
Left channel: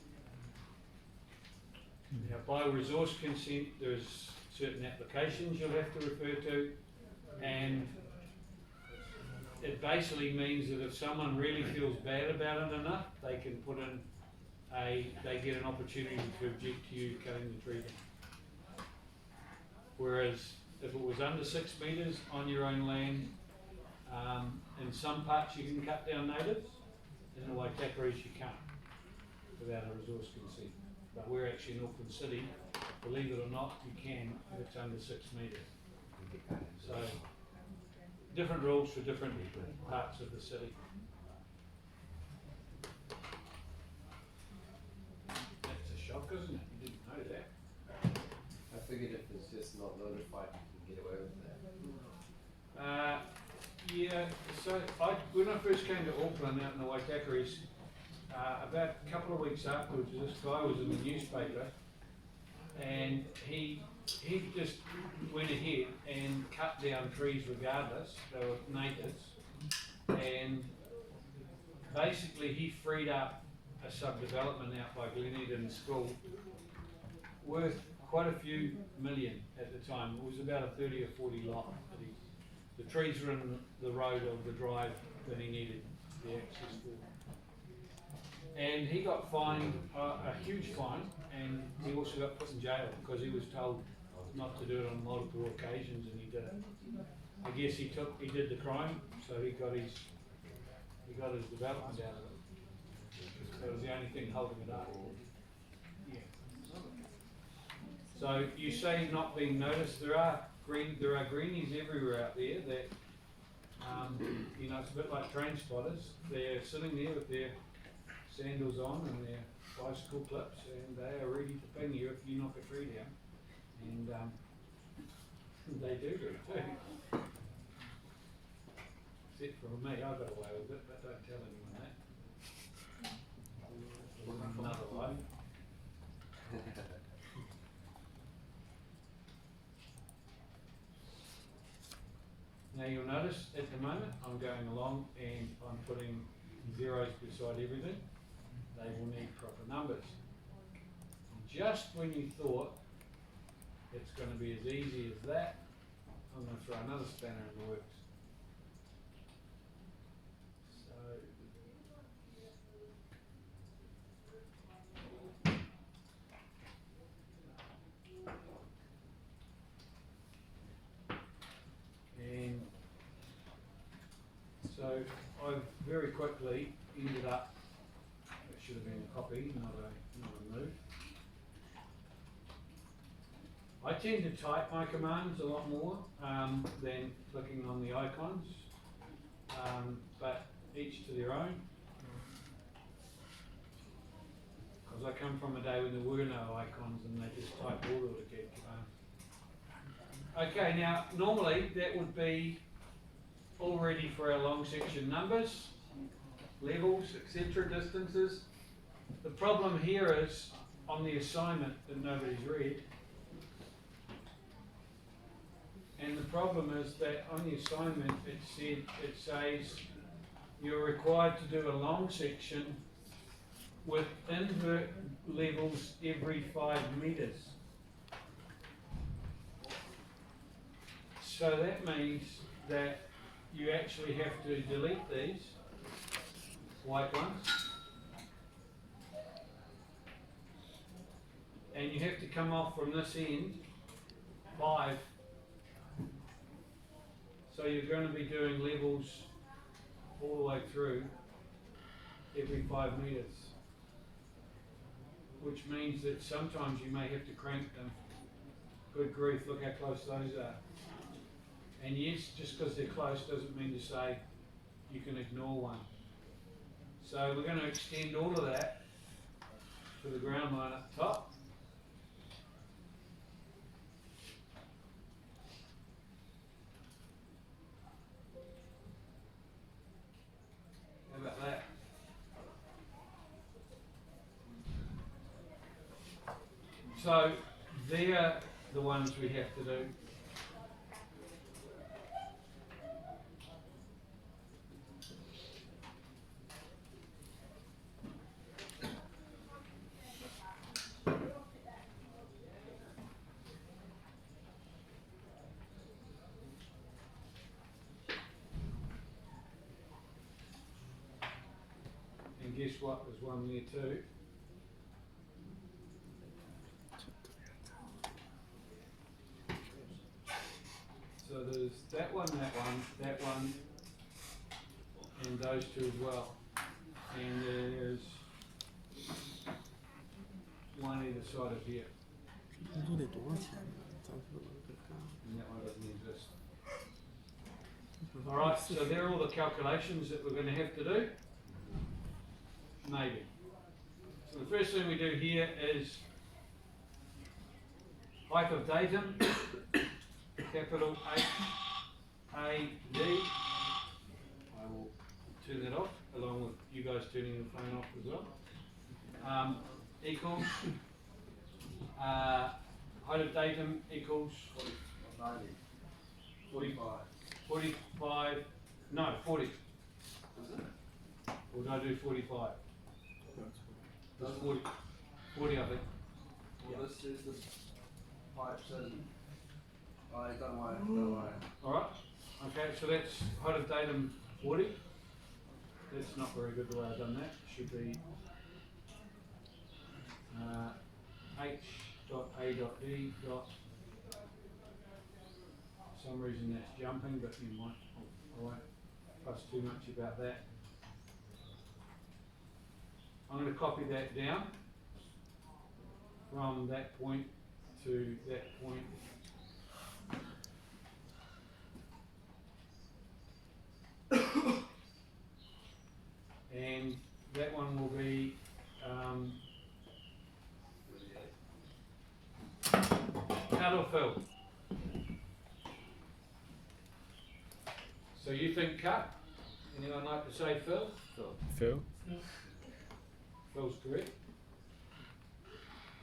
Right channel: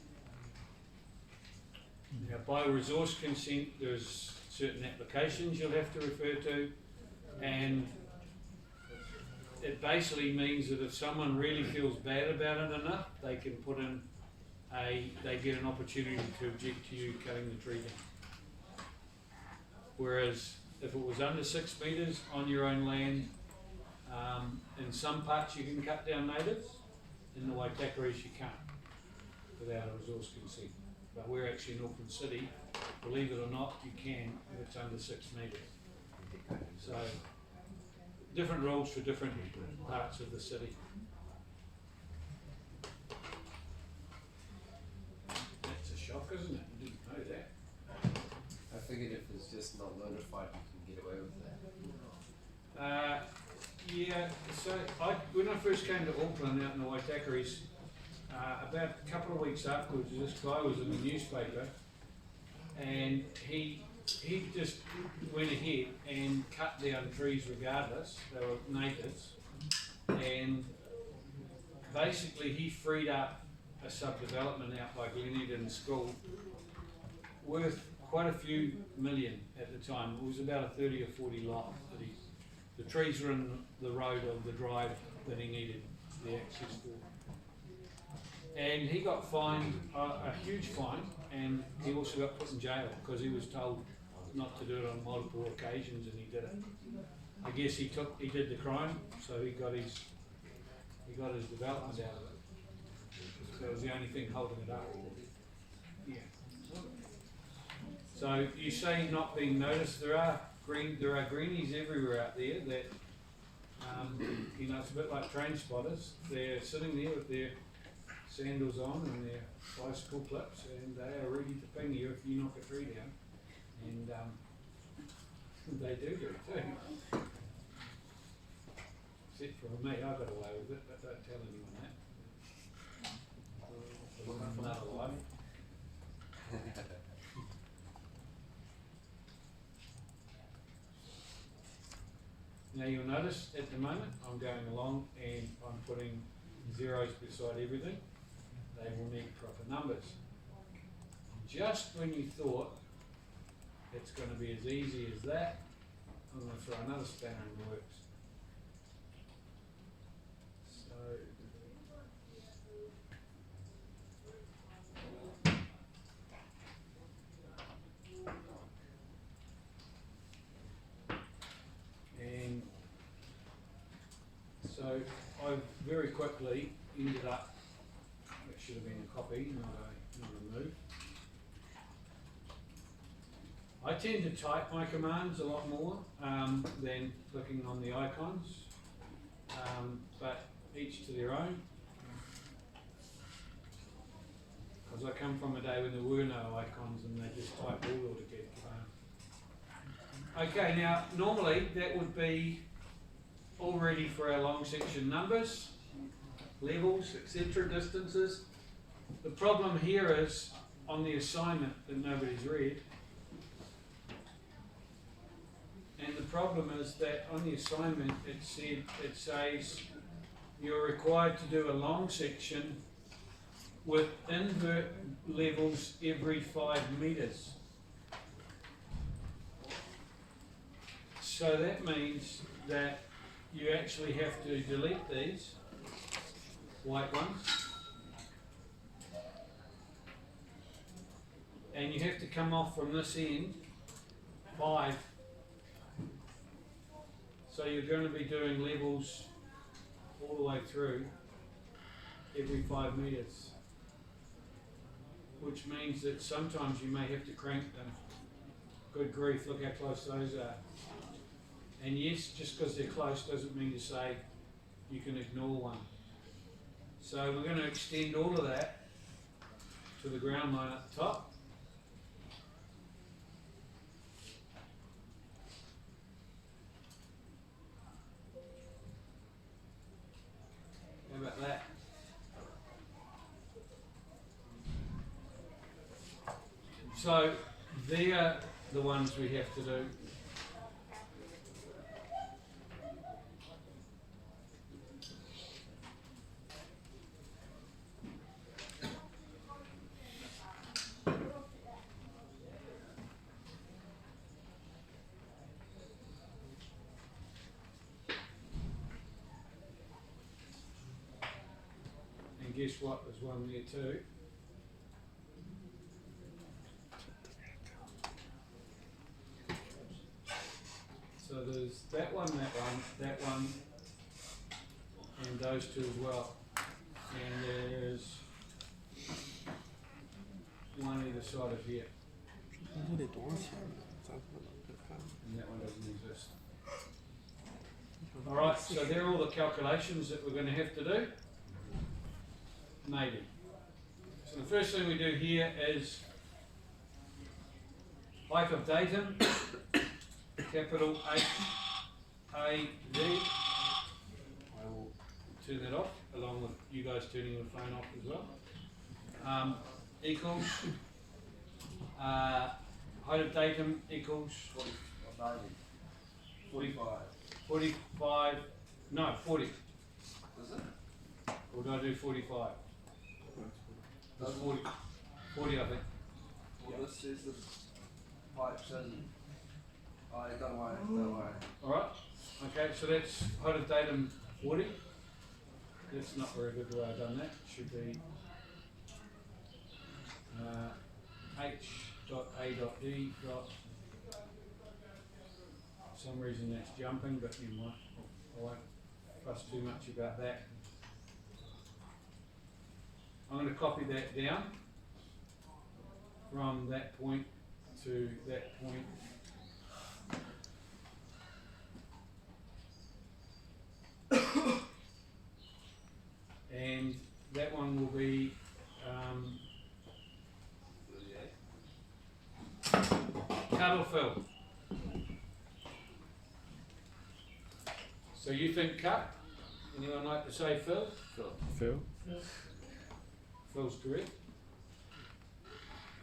Now, by resource consent, there's certain applications you'll have to refer to, and it basically means that if someone really feels bad about it enough, they can put in they get an opportunity to object to you cutting the tree down. Whereas if it was under 6 metres on your own land, in some parts you can cut down natives, in the Waitakaris you can't, without a resource consent. But we're actually in Auckland City, believe it or not, you can if it's under 6 metres. So, different rules for different parts of the city. That's a shock, isn't it? You didn't know that. I figured if it's just not notified, you can get away with that. Yeah, so when I first came to Auckland out in the Waitakaris, about a couple of weeks afterwards, this guy was in the newspaper, and he just went ahead and cut down trees regardless, they were natives, and basically he freed up a subdevelopment out by Gleneden School worth quite a few million at the time. It was about a 30 or 40 lot that the trees were in the road of the drive that he needed the access for. And he got fined a huge fine, and he also got put in jail because he was told not to do it on multiple occasions, and he did it. I guess he did the crime, so he got his development out of it. So it was the only thing holding it up. Yeah. So you say not being noticed. There are greenies everywhere out there that it's a bit like train spotters. They're sitting there with their sandals on and their bicycle clips, and they are ready to ping you if you knock a tree down. And they do it too. Except for me, I got away with it, but don't tell anyone that. Another life. Now you'll notice at the moment I'm going along and I'm putting zeros beside everything. They will need proper numbers. just when you thought it's going to be as easy as that, I'm going to throw another spanner in the works. So, and so I've very quickly ended up, it should have been a copy, not a move. I tend to type my commands a lot more than clicking on the icons, but each to their own. Because I come from a day when there were no icons and they just typed all the wk command. Okay, now normally that would be all ready for our long section numbers, levels, etc., distances. The problem here is on the assignment that nobody's read. And the problem is that on the assignment it says you're required to do a long section with invert levels every 5 meters. So that means that you actually have to delete these white ones, and you have to come off from this end 5. So you're going to be doing levels all the way through every 5 meters, which means that sometimes you may have to crank them. Good grief, look how close those are. And yes, just because they're close doesn't mean to say you can ignore one. So we're going to extend all of that to the ground line up top. How about that? So they're the ones we have to do. And guess what? There's one there too. So there's that one, and those two as well. And there's one either side of here. And that one doesn't exist. Alright, so there are all the calculations that we're going to have to do. Maybe. So the first thing we do here is height of datum, capital H-A-D. I will turn that off, along with you guys turning the phone off as well. Equals, height of datum equals 45, no, 40. Is it? Or did I do 45? That's 40, I think. Well, this is the pipes and don't worry. Alright, okay, so that's height of datum 40. That's not very good the way I've done that. Should be H.A.D. For some reason that's jumping, but you might, I won't fuss too much about that. I'm going to copy that down from that point to that point. And that one will be cut or fill. So you think cut? Anyone like to say fill? Phil? Phil's correct.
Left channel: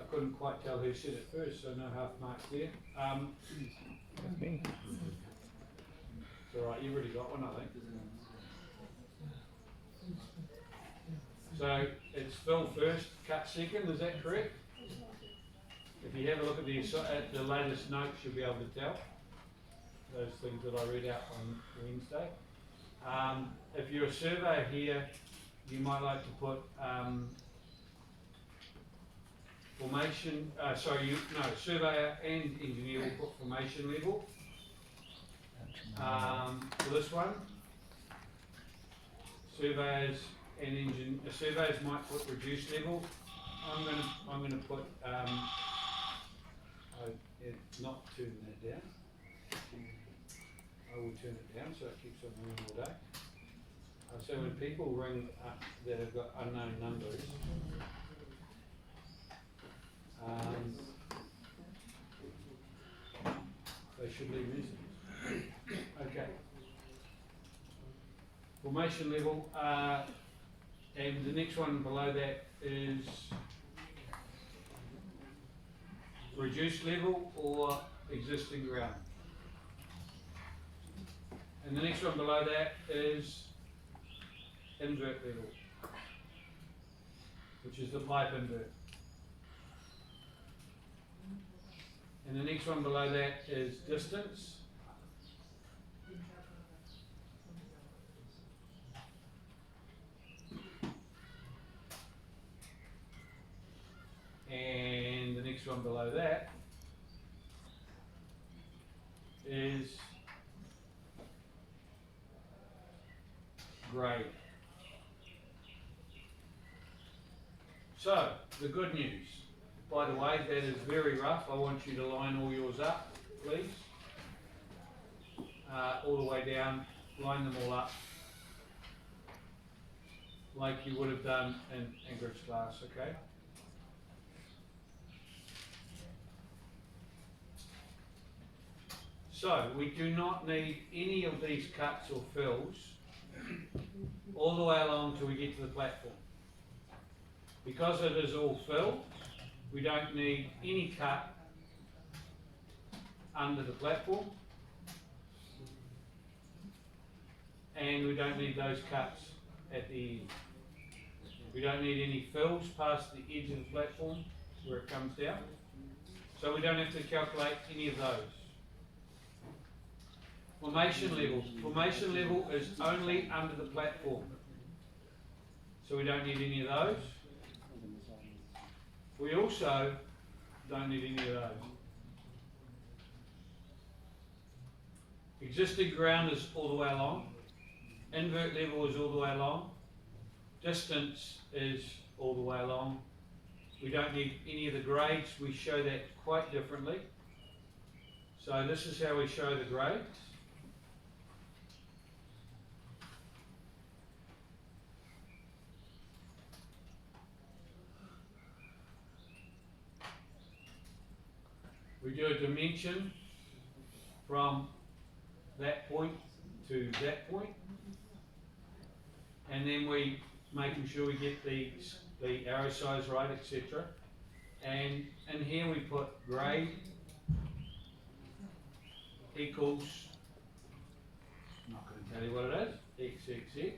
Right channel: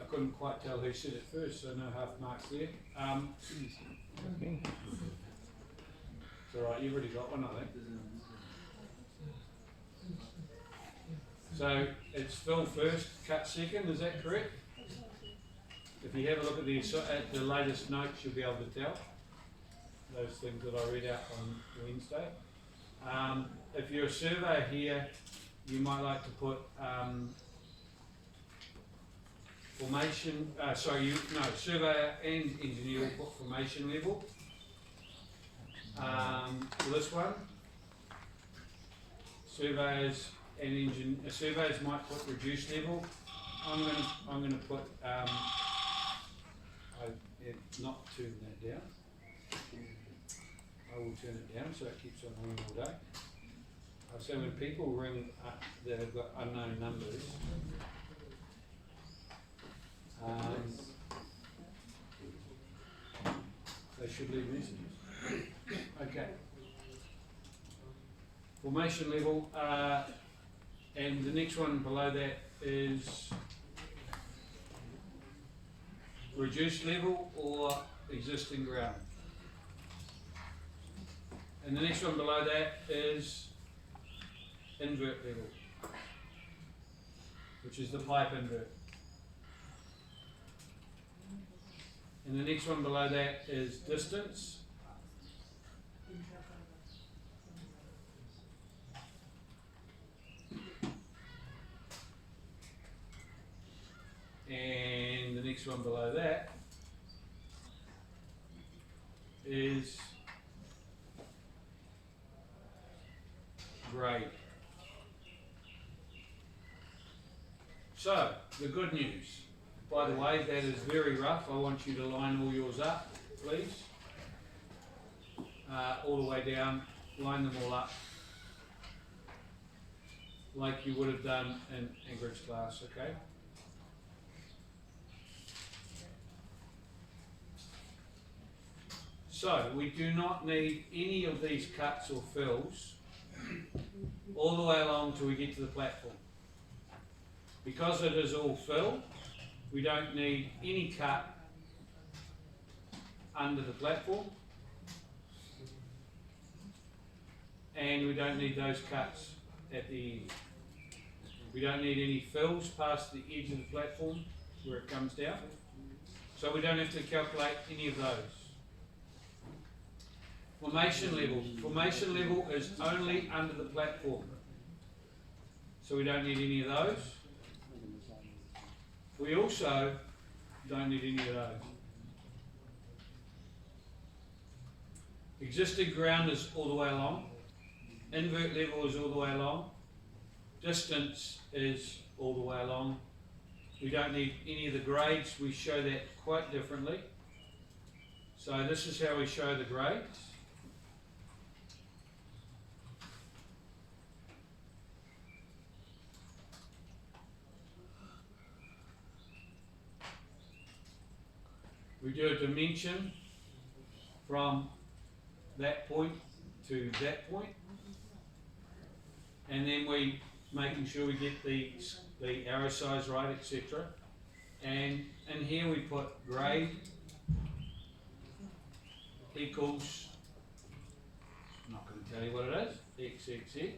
I couldn't quite tell who said it first, so no half marks there. It's alright, you've already got one, I think. So it's fill first, cut second, is that correct? If you have a look at the latest notes, you'll be able to tell those things that I read out on Wednesday. If you're a surveyor here, you might like to put surveyor and engineer will put formation level. For this one, surveyors might put reduced level. I'm gonna put not turn that down. I will turn it down so it keeps on running all day. So when people ring up that have got unknown numbers, they should leave messages. Okay. Formation level, and the next one below that is reduced level or existing ground. And the next one below that is invert level, which is the pipe invert. And the next one below that is distance. And the next one below that is grade. So, the good news. By the way, that is very rough. I want you to line all yours up, please. All the way down, line them all up. Like you would have done in Ingrid's class, okay? So, we do not need any of these cuts or fills all the way along till we get to the platform. Because it is all fill, we don't need any cut under the platform, and we don't need those cuts at the end. We don't need any fills past the edge of the platform where it comes down, so we don't have to calculate any of those. Formation level. Formation level is only under the platform, so we don't need any of those. We also don't need any of those. Existing ground is all the way along. Invert level is all the way along. Distance is all the way along. We don't need any of the grades. We show that quite differently. So this is how we show the grades. We do a dimension from that point to that point, and then we making sure we get the arrow size right, etc. And in here we put grade equals, I'm not going to tell you what it is, XXX,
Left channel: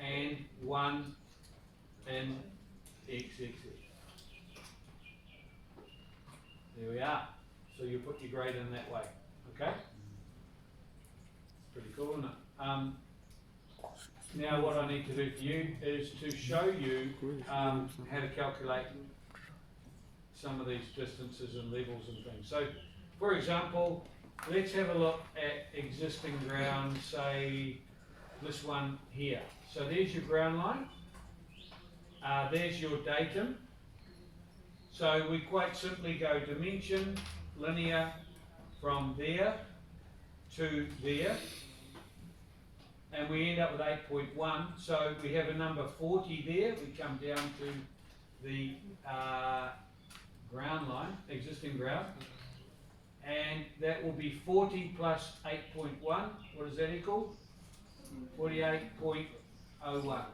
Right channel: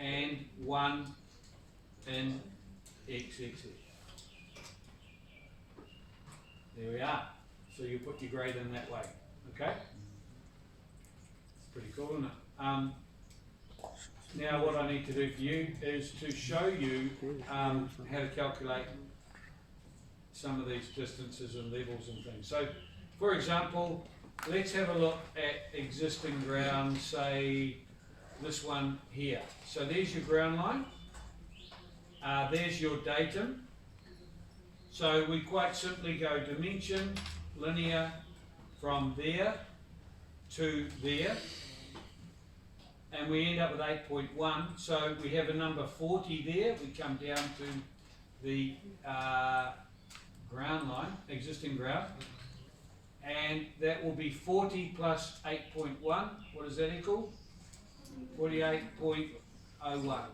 and 1 in XXX. There we are. So you put your grade in that way, okay? It's pretty cool, isn't it? Now what I need to do for you is to show you how to calculate some of these distances and levels and things. So, for example, let's have a look at existing ground, say this one here. So there's your ground line, there's your datum. So we quite simply go dimension, linear, from there to there, and we end up with 8.1. So we have a number 40 there. We come down to the ground line, existing ground, and that will be 40 plus 8.1. What does that equal? 48.01. No,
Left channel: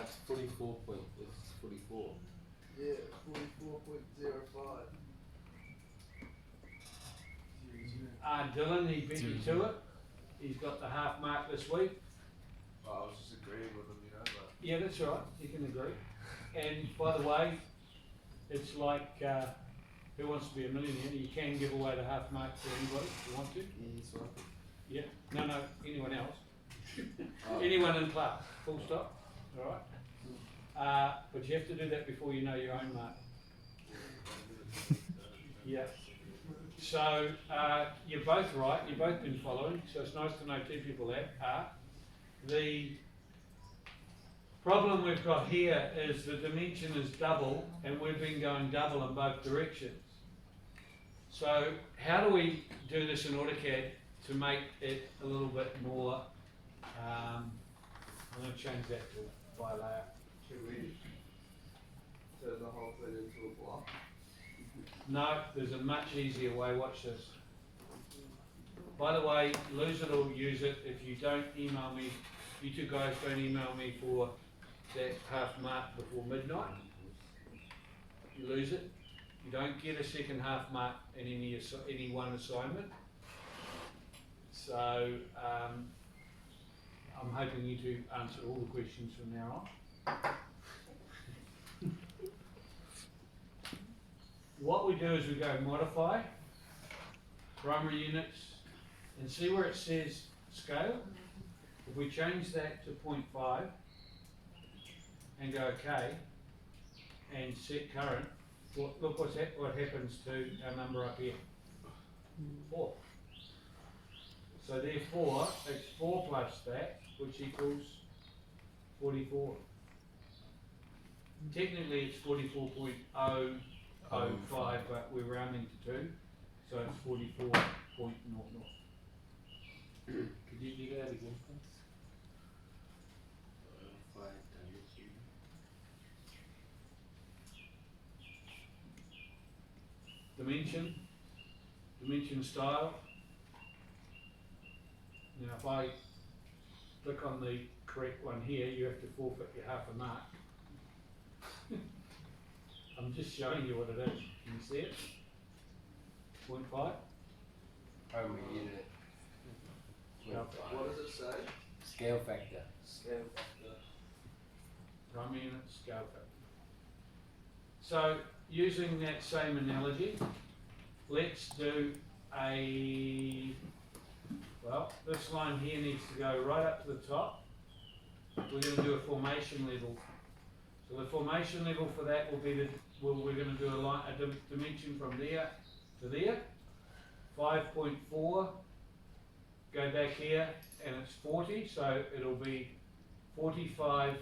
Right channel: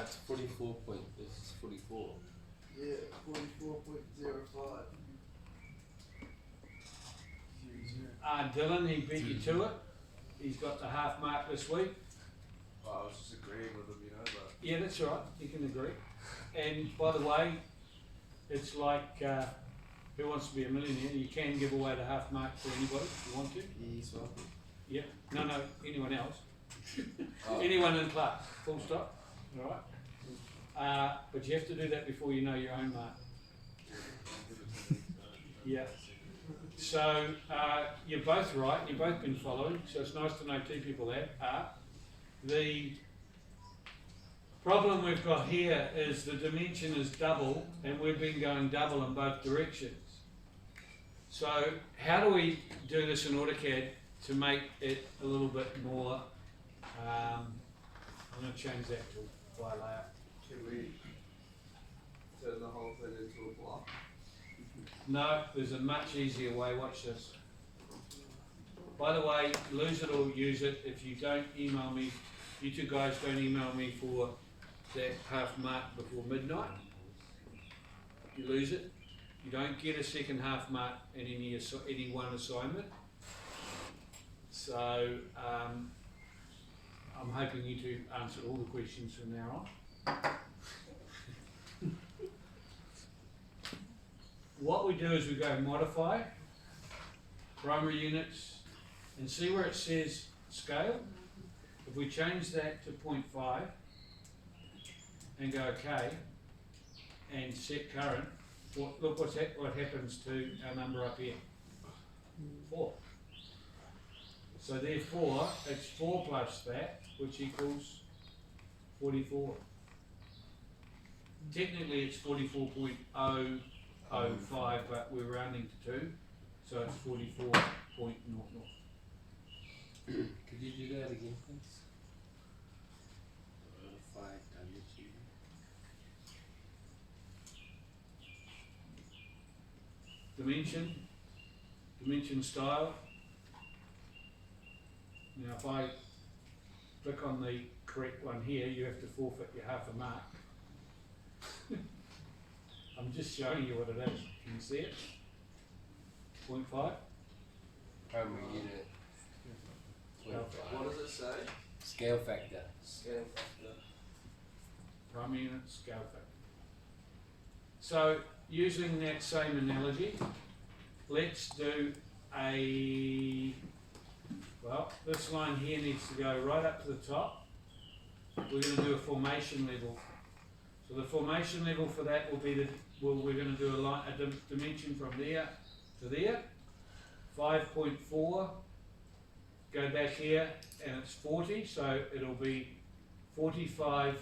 it's 44 point. It's 44. Yeah, 44.05. Dylan, he beat you to it. He's got the half mark this week. Well, I was just agreeing with him, you know, but Yeah, that's right. You can agree. And by the way, It's like, Who Wants to Be a Millionaire? You can give away the half mark to anybody if you want to. He's welcome. Yeah, no, anyone else. Oh. Anyone in class, full stop, alright? But you have to do that before you know your own mark. Yeah. So, you're both right, you've both been following, so it's nice to know two people are. The problem we've got here is the dimension is double, and we've been going double in both directions. So, how do we do this in AutoCAD to make it a little bit more, I'm going to change that to by layout. Should we turn the whole thing into a block? No, there's a much easier way, watch this. By the way, lose it or use it. If you don't email me, you two guys don't email me for that half mark before midnight, you lose it. You don't get a second half mark in any one assignment. So, I'm hoping you two answered all the questions from now on. What we do is we go modify, primary units, and see where it says scale. If we change that to 0.5 and go OK and set current, look what happens to our number up here, 4. So therefore, it's 4 plus that, which equals 44. Technically it's 44.005, but we're rounding to 2, so it's 44.00. Could you do that again, please? If I done it to you. Dimension style. Now if I click on the correct one here, you have to forfeit your half a mark. I'm just showing you what it is. Can you see it? 0.5. Primary unit. What does it say? Scale factor. Scale factor. Primary unit scale factor. So using that same analogy, let's do this line here needs to go right up to the top. We're going to do a formation level. So the formation level for that will be we're going to do a dimension from there to there. 5.4. Go back here, and it's 40, so it'll be 45.4.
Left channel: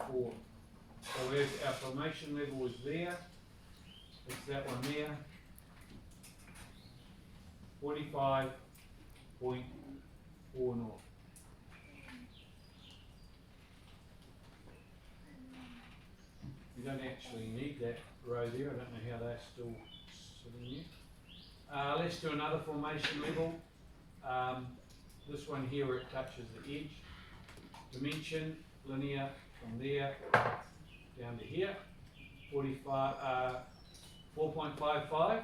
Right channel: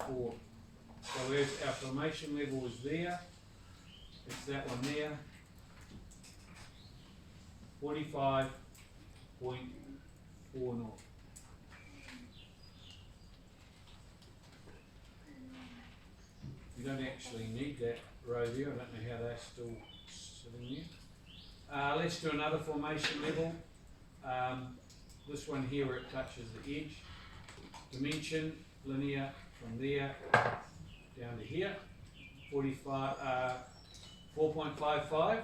So there's our formation level is there. It's that one there. 45.40. You don't actually need that row there. I don't know how that's still sitting there. Let's do another formation level. This one here where it touches the edge. Dimension, linear from there down to here. 4.55.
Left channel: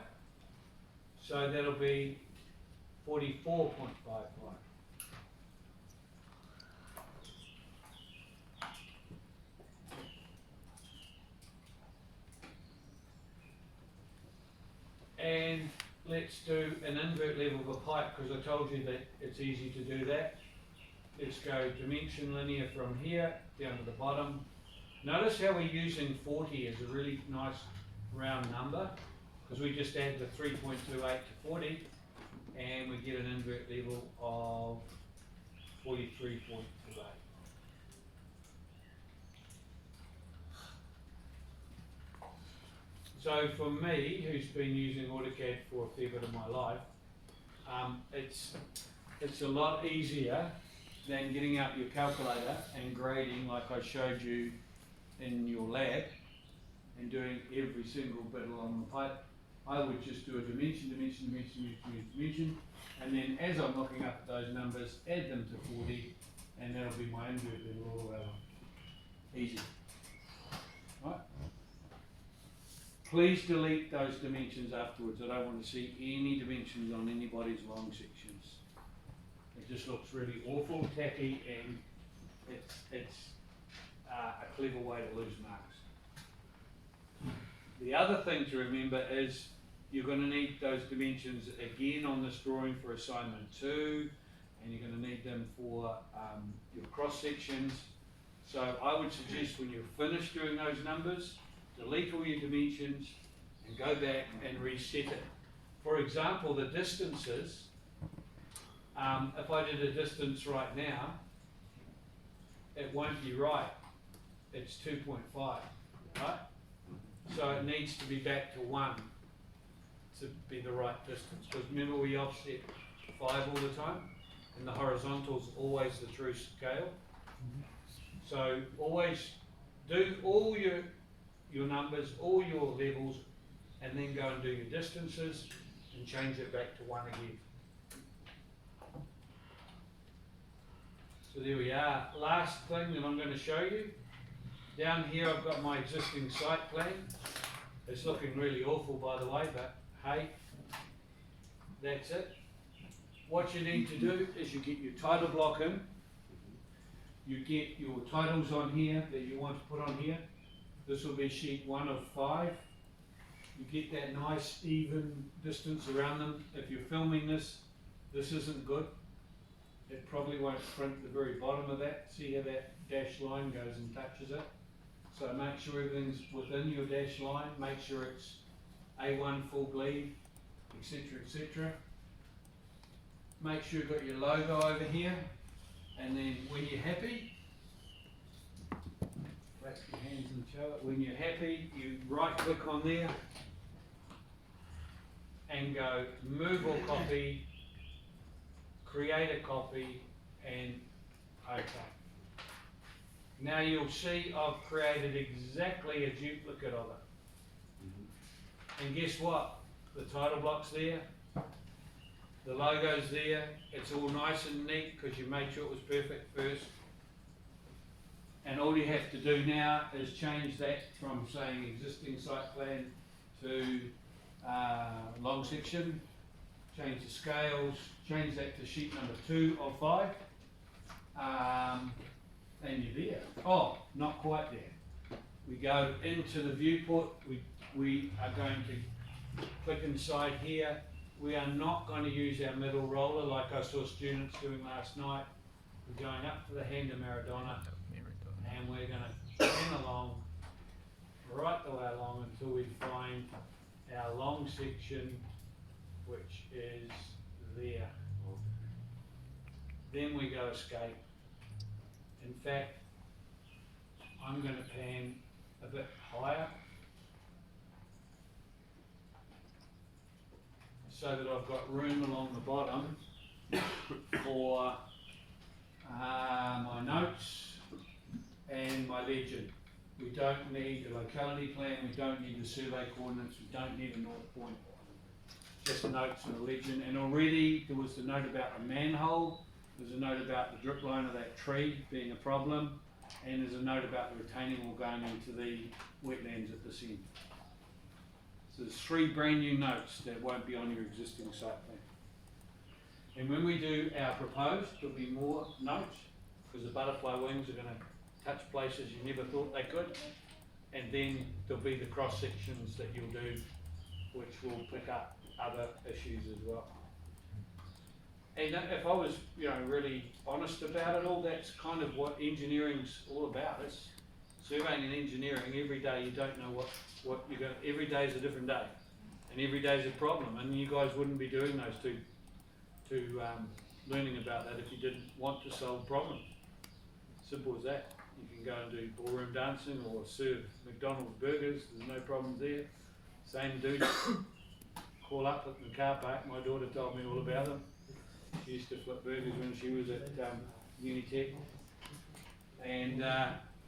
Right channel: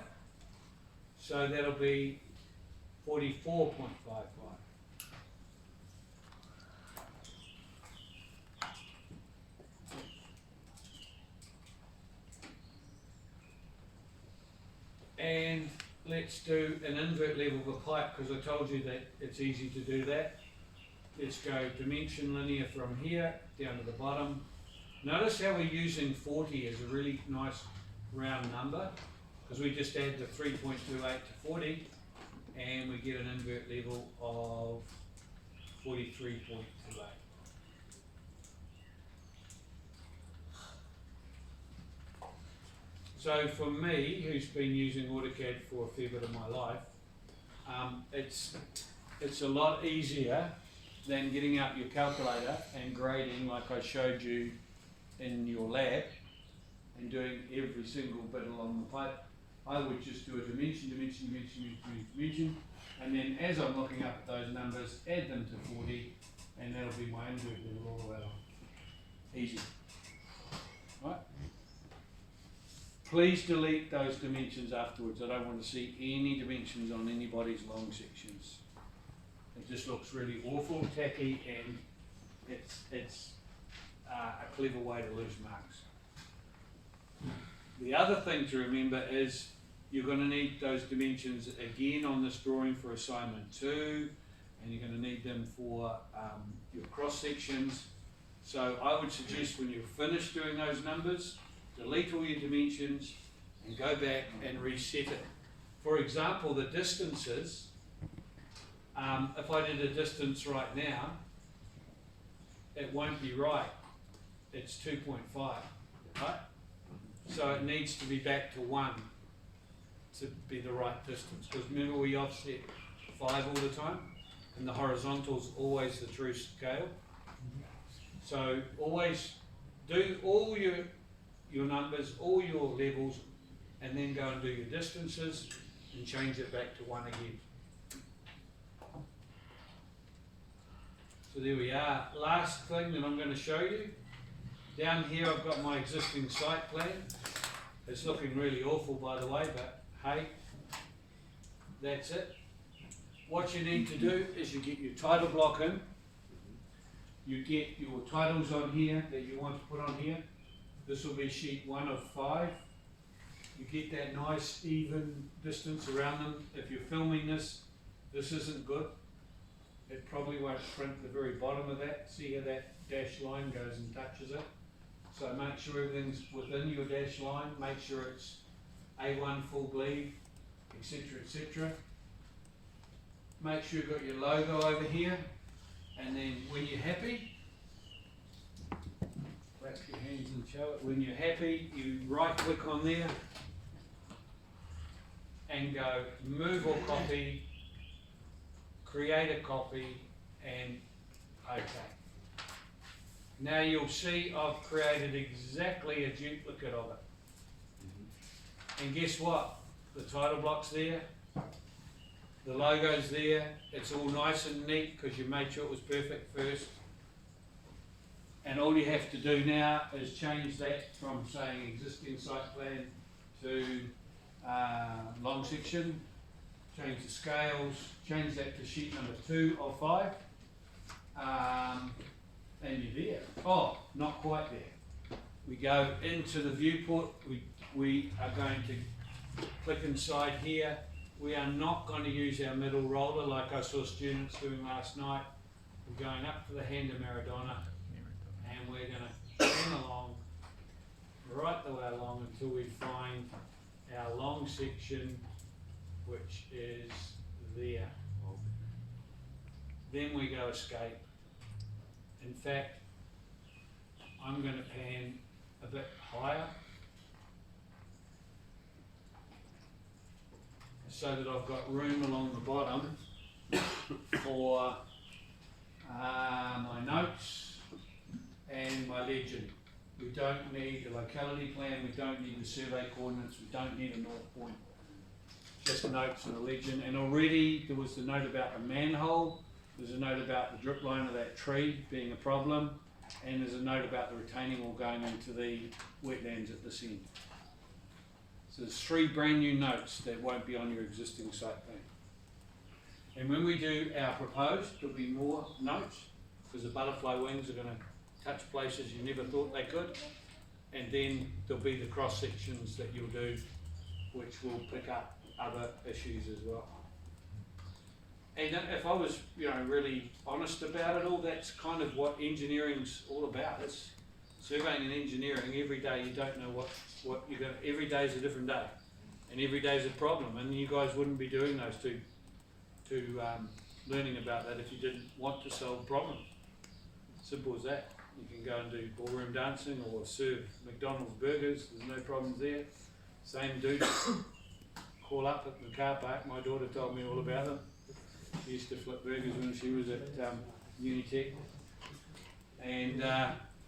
So that'll be 44.55. And let's do an invert level of a pipe, because I told you that it's easy to do that. Let's go dimension linear from here down to the bottom. Notice how we're using 40 as a really nice round number, because we just add the 3.28 to 40 and we get an invert level of 43.28. So for me, who's been using AutoCAD for a fair bit of my life, it's a lot easier than getting out your calculator and grading like I showed you in your lab and doing every single bit along the pipe. I would just do a dimension, and then as I'm looking up at those numbers, add them to 40, and that'll be my invert level all the way along. Easy. Right? Please delete those dimensions afterwards. I don't want to see any dimensions on anybody's long sections. It just looks really awful, tacky, and it's a clever way to lose marks. The other thing to remember is you're going to need those dimensions again on this drawing for assignment 2, and you're going to need them for your cross sections. So I would suggest when you're finished doing those numbers, delete all your dimensions and go back and reset it. For example, the distances, if I did a distance right now, it won't be right. It's 2.5, right? So it needs to be back to 1 to be the right distance. Because remember, we offset 5 all the time, and the horizontal's always the true scale. So always do all your numbers, all your levels, and then go and do your distances and change it back to 1 again. So there we are. Last thing that I'm going to show you. Down here I've got my existing site plan. It's looking really awful, by the way, but hey, that's it. What you need to do is you get your title block in. You get your titles on here that you want to put on here. This will be sheet 1 of 5. You get that nice even distance around them. If you're filming this, this isn't good. It probably won't print the very bottom of that. See how that dashed line goes and touches it? So make sure everything's within your dashed line. Make sure it's A1 full bleed, etc., etc. Make sure you've got your logo over here. And then when you're happy, clap your hands and show it. When you're happy, you right click on there and go move or copy, create a copy, and OK. Now you'll see I've created exactly a duplicate of it. And guess what? The title block's there, the logo's there, it's all nice and neat because you made sure it was perfect first. And all you have to do now is change that from saying existing site plan to long section, change the scales, change that to sheet number 2 of 5, and you're there. Oh, not quite there. We go into the viewport, we are going to click inside here. We are not going to use our middle roller like I saw students doing last night. We're going up to the hand of Maradona, and we're going to turn along, right the way along until we find our long section, which is there. Then we go escape. In fact, I'm going to pan a bit higher so that I've got room along the bottom for my notes and my legend. We don't need a locality plan, we don't need the survey coordinates, we don't need a north point. Just notes and a legend. And already there was the note about the manhole, there's a note about the drip line of that tree being a problem, and there's a note about the retaining wall going into the wetlands at this end. So there's 3 brand new notes that won't be on your existing site plan. And when we do our proposed, there'll be more notes, because the butterfly wings are going to touch places you never thought they could. And then there'll be the cross sections that you'll do, which will pick up other issues as well. And if I was, really honest about it all, that's kind of what engineering's all about. It's surveying and engineering. Every day you don't know what you're going. Every day is a different day, and every day is a problem. And you guys wouldn't be doing those two learning about that if you didn't want to solve problems. Simple as that. You can go and do ballroom dancing or serve McDonald's burgers. There's no problems there. Same dude. Call up at the car park. My daughter told me all about them. She used to flip burgers when she was at Unitec. And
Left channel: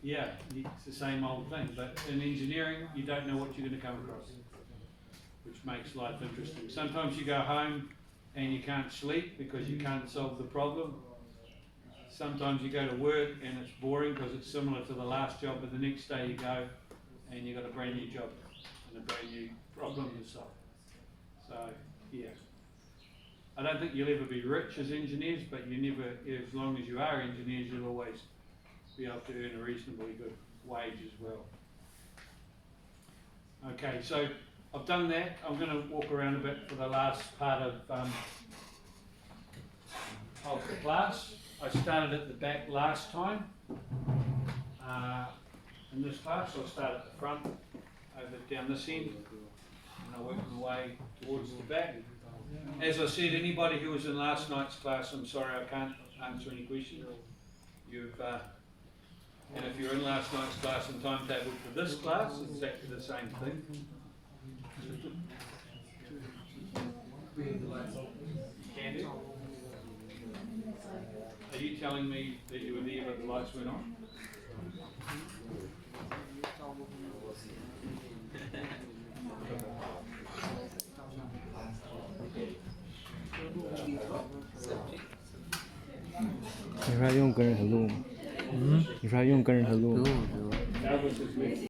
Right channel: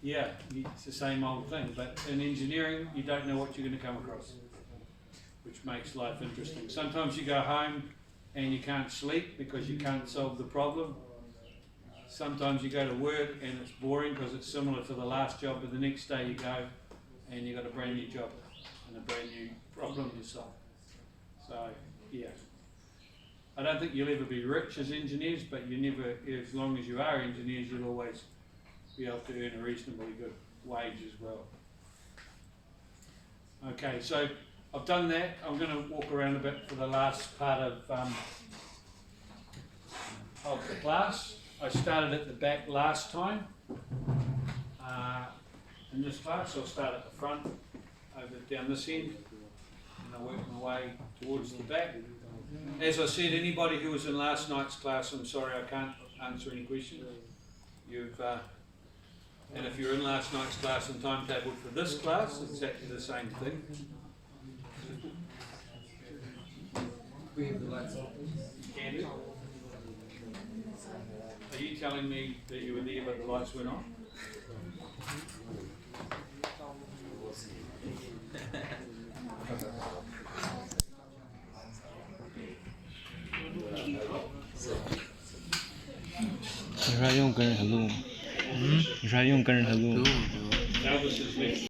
it's the same old thing. But in engineering, you don't know what you're going to come across, which makes life interesting. Sometimes you go home and you can't sleep because you can't solve the problem. Sometimes you go to work and it's boring because it's similar to the last job, but the next day you go and you've got a brand new job and a brand new problem to solve. So, yeah. I don't think you'll ever be rich as engineers, but you never, as long as you are engineers, you'll always be able to earn a reasonably good wage as well. Okay, so I've done that. I'm going to walk around a bit for the last part of the class. I started at the back last time. In this class, I'll start at the front, over down this end, and I'll work my way towards the back. As I said, anybody who was in last night's class, I'm sorry I can't answer any questions. And if you're in last night's class and timetable for this class, it's exactly the same thing. We have the lights on. Can do. Are you telling me that you were there but the lights went on?你说用跟着他录吗？你说用跟着他录吗？ Elvis is next.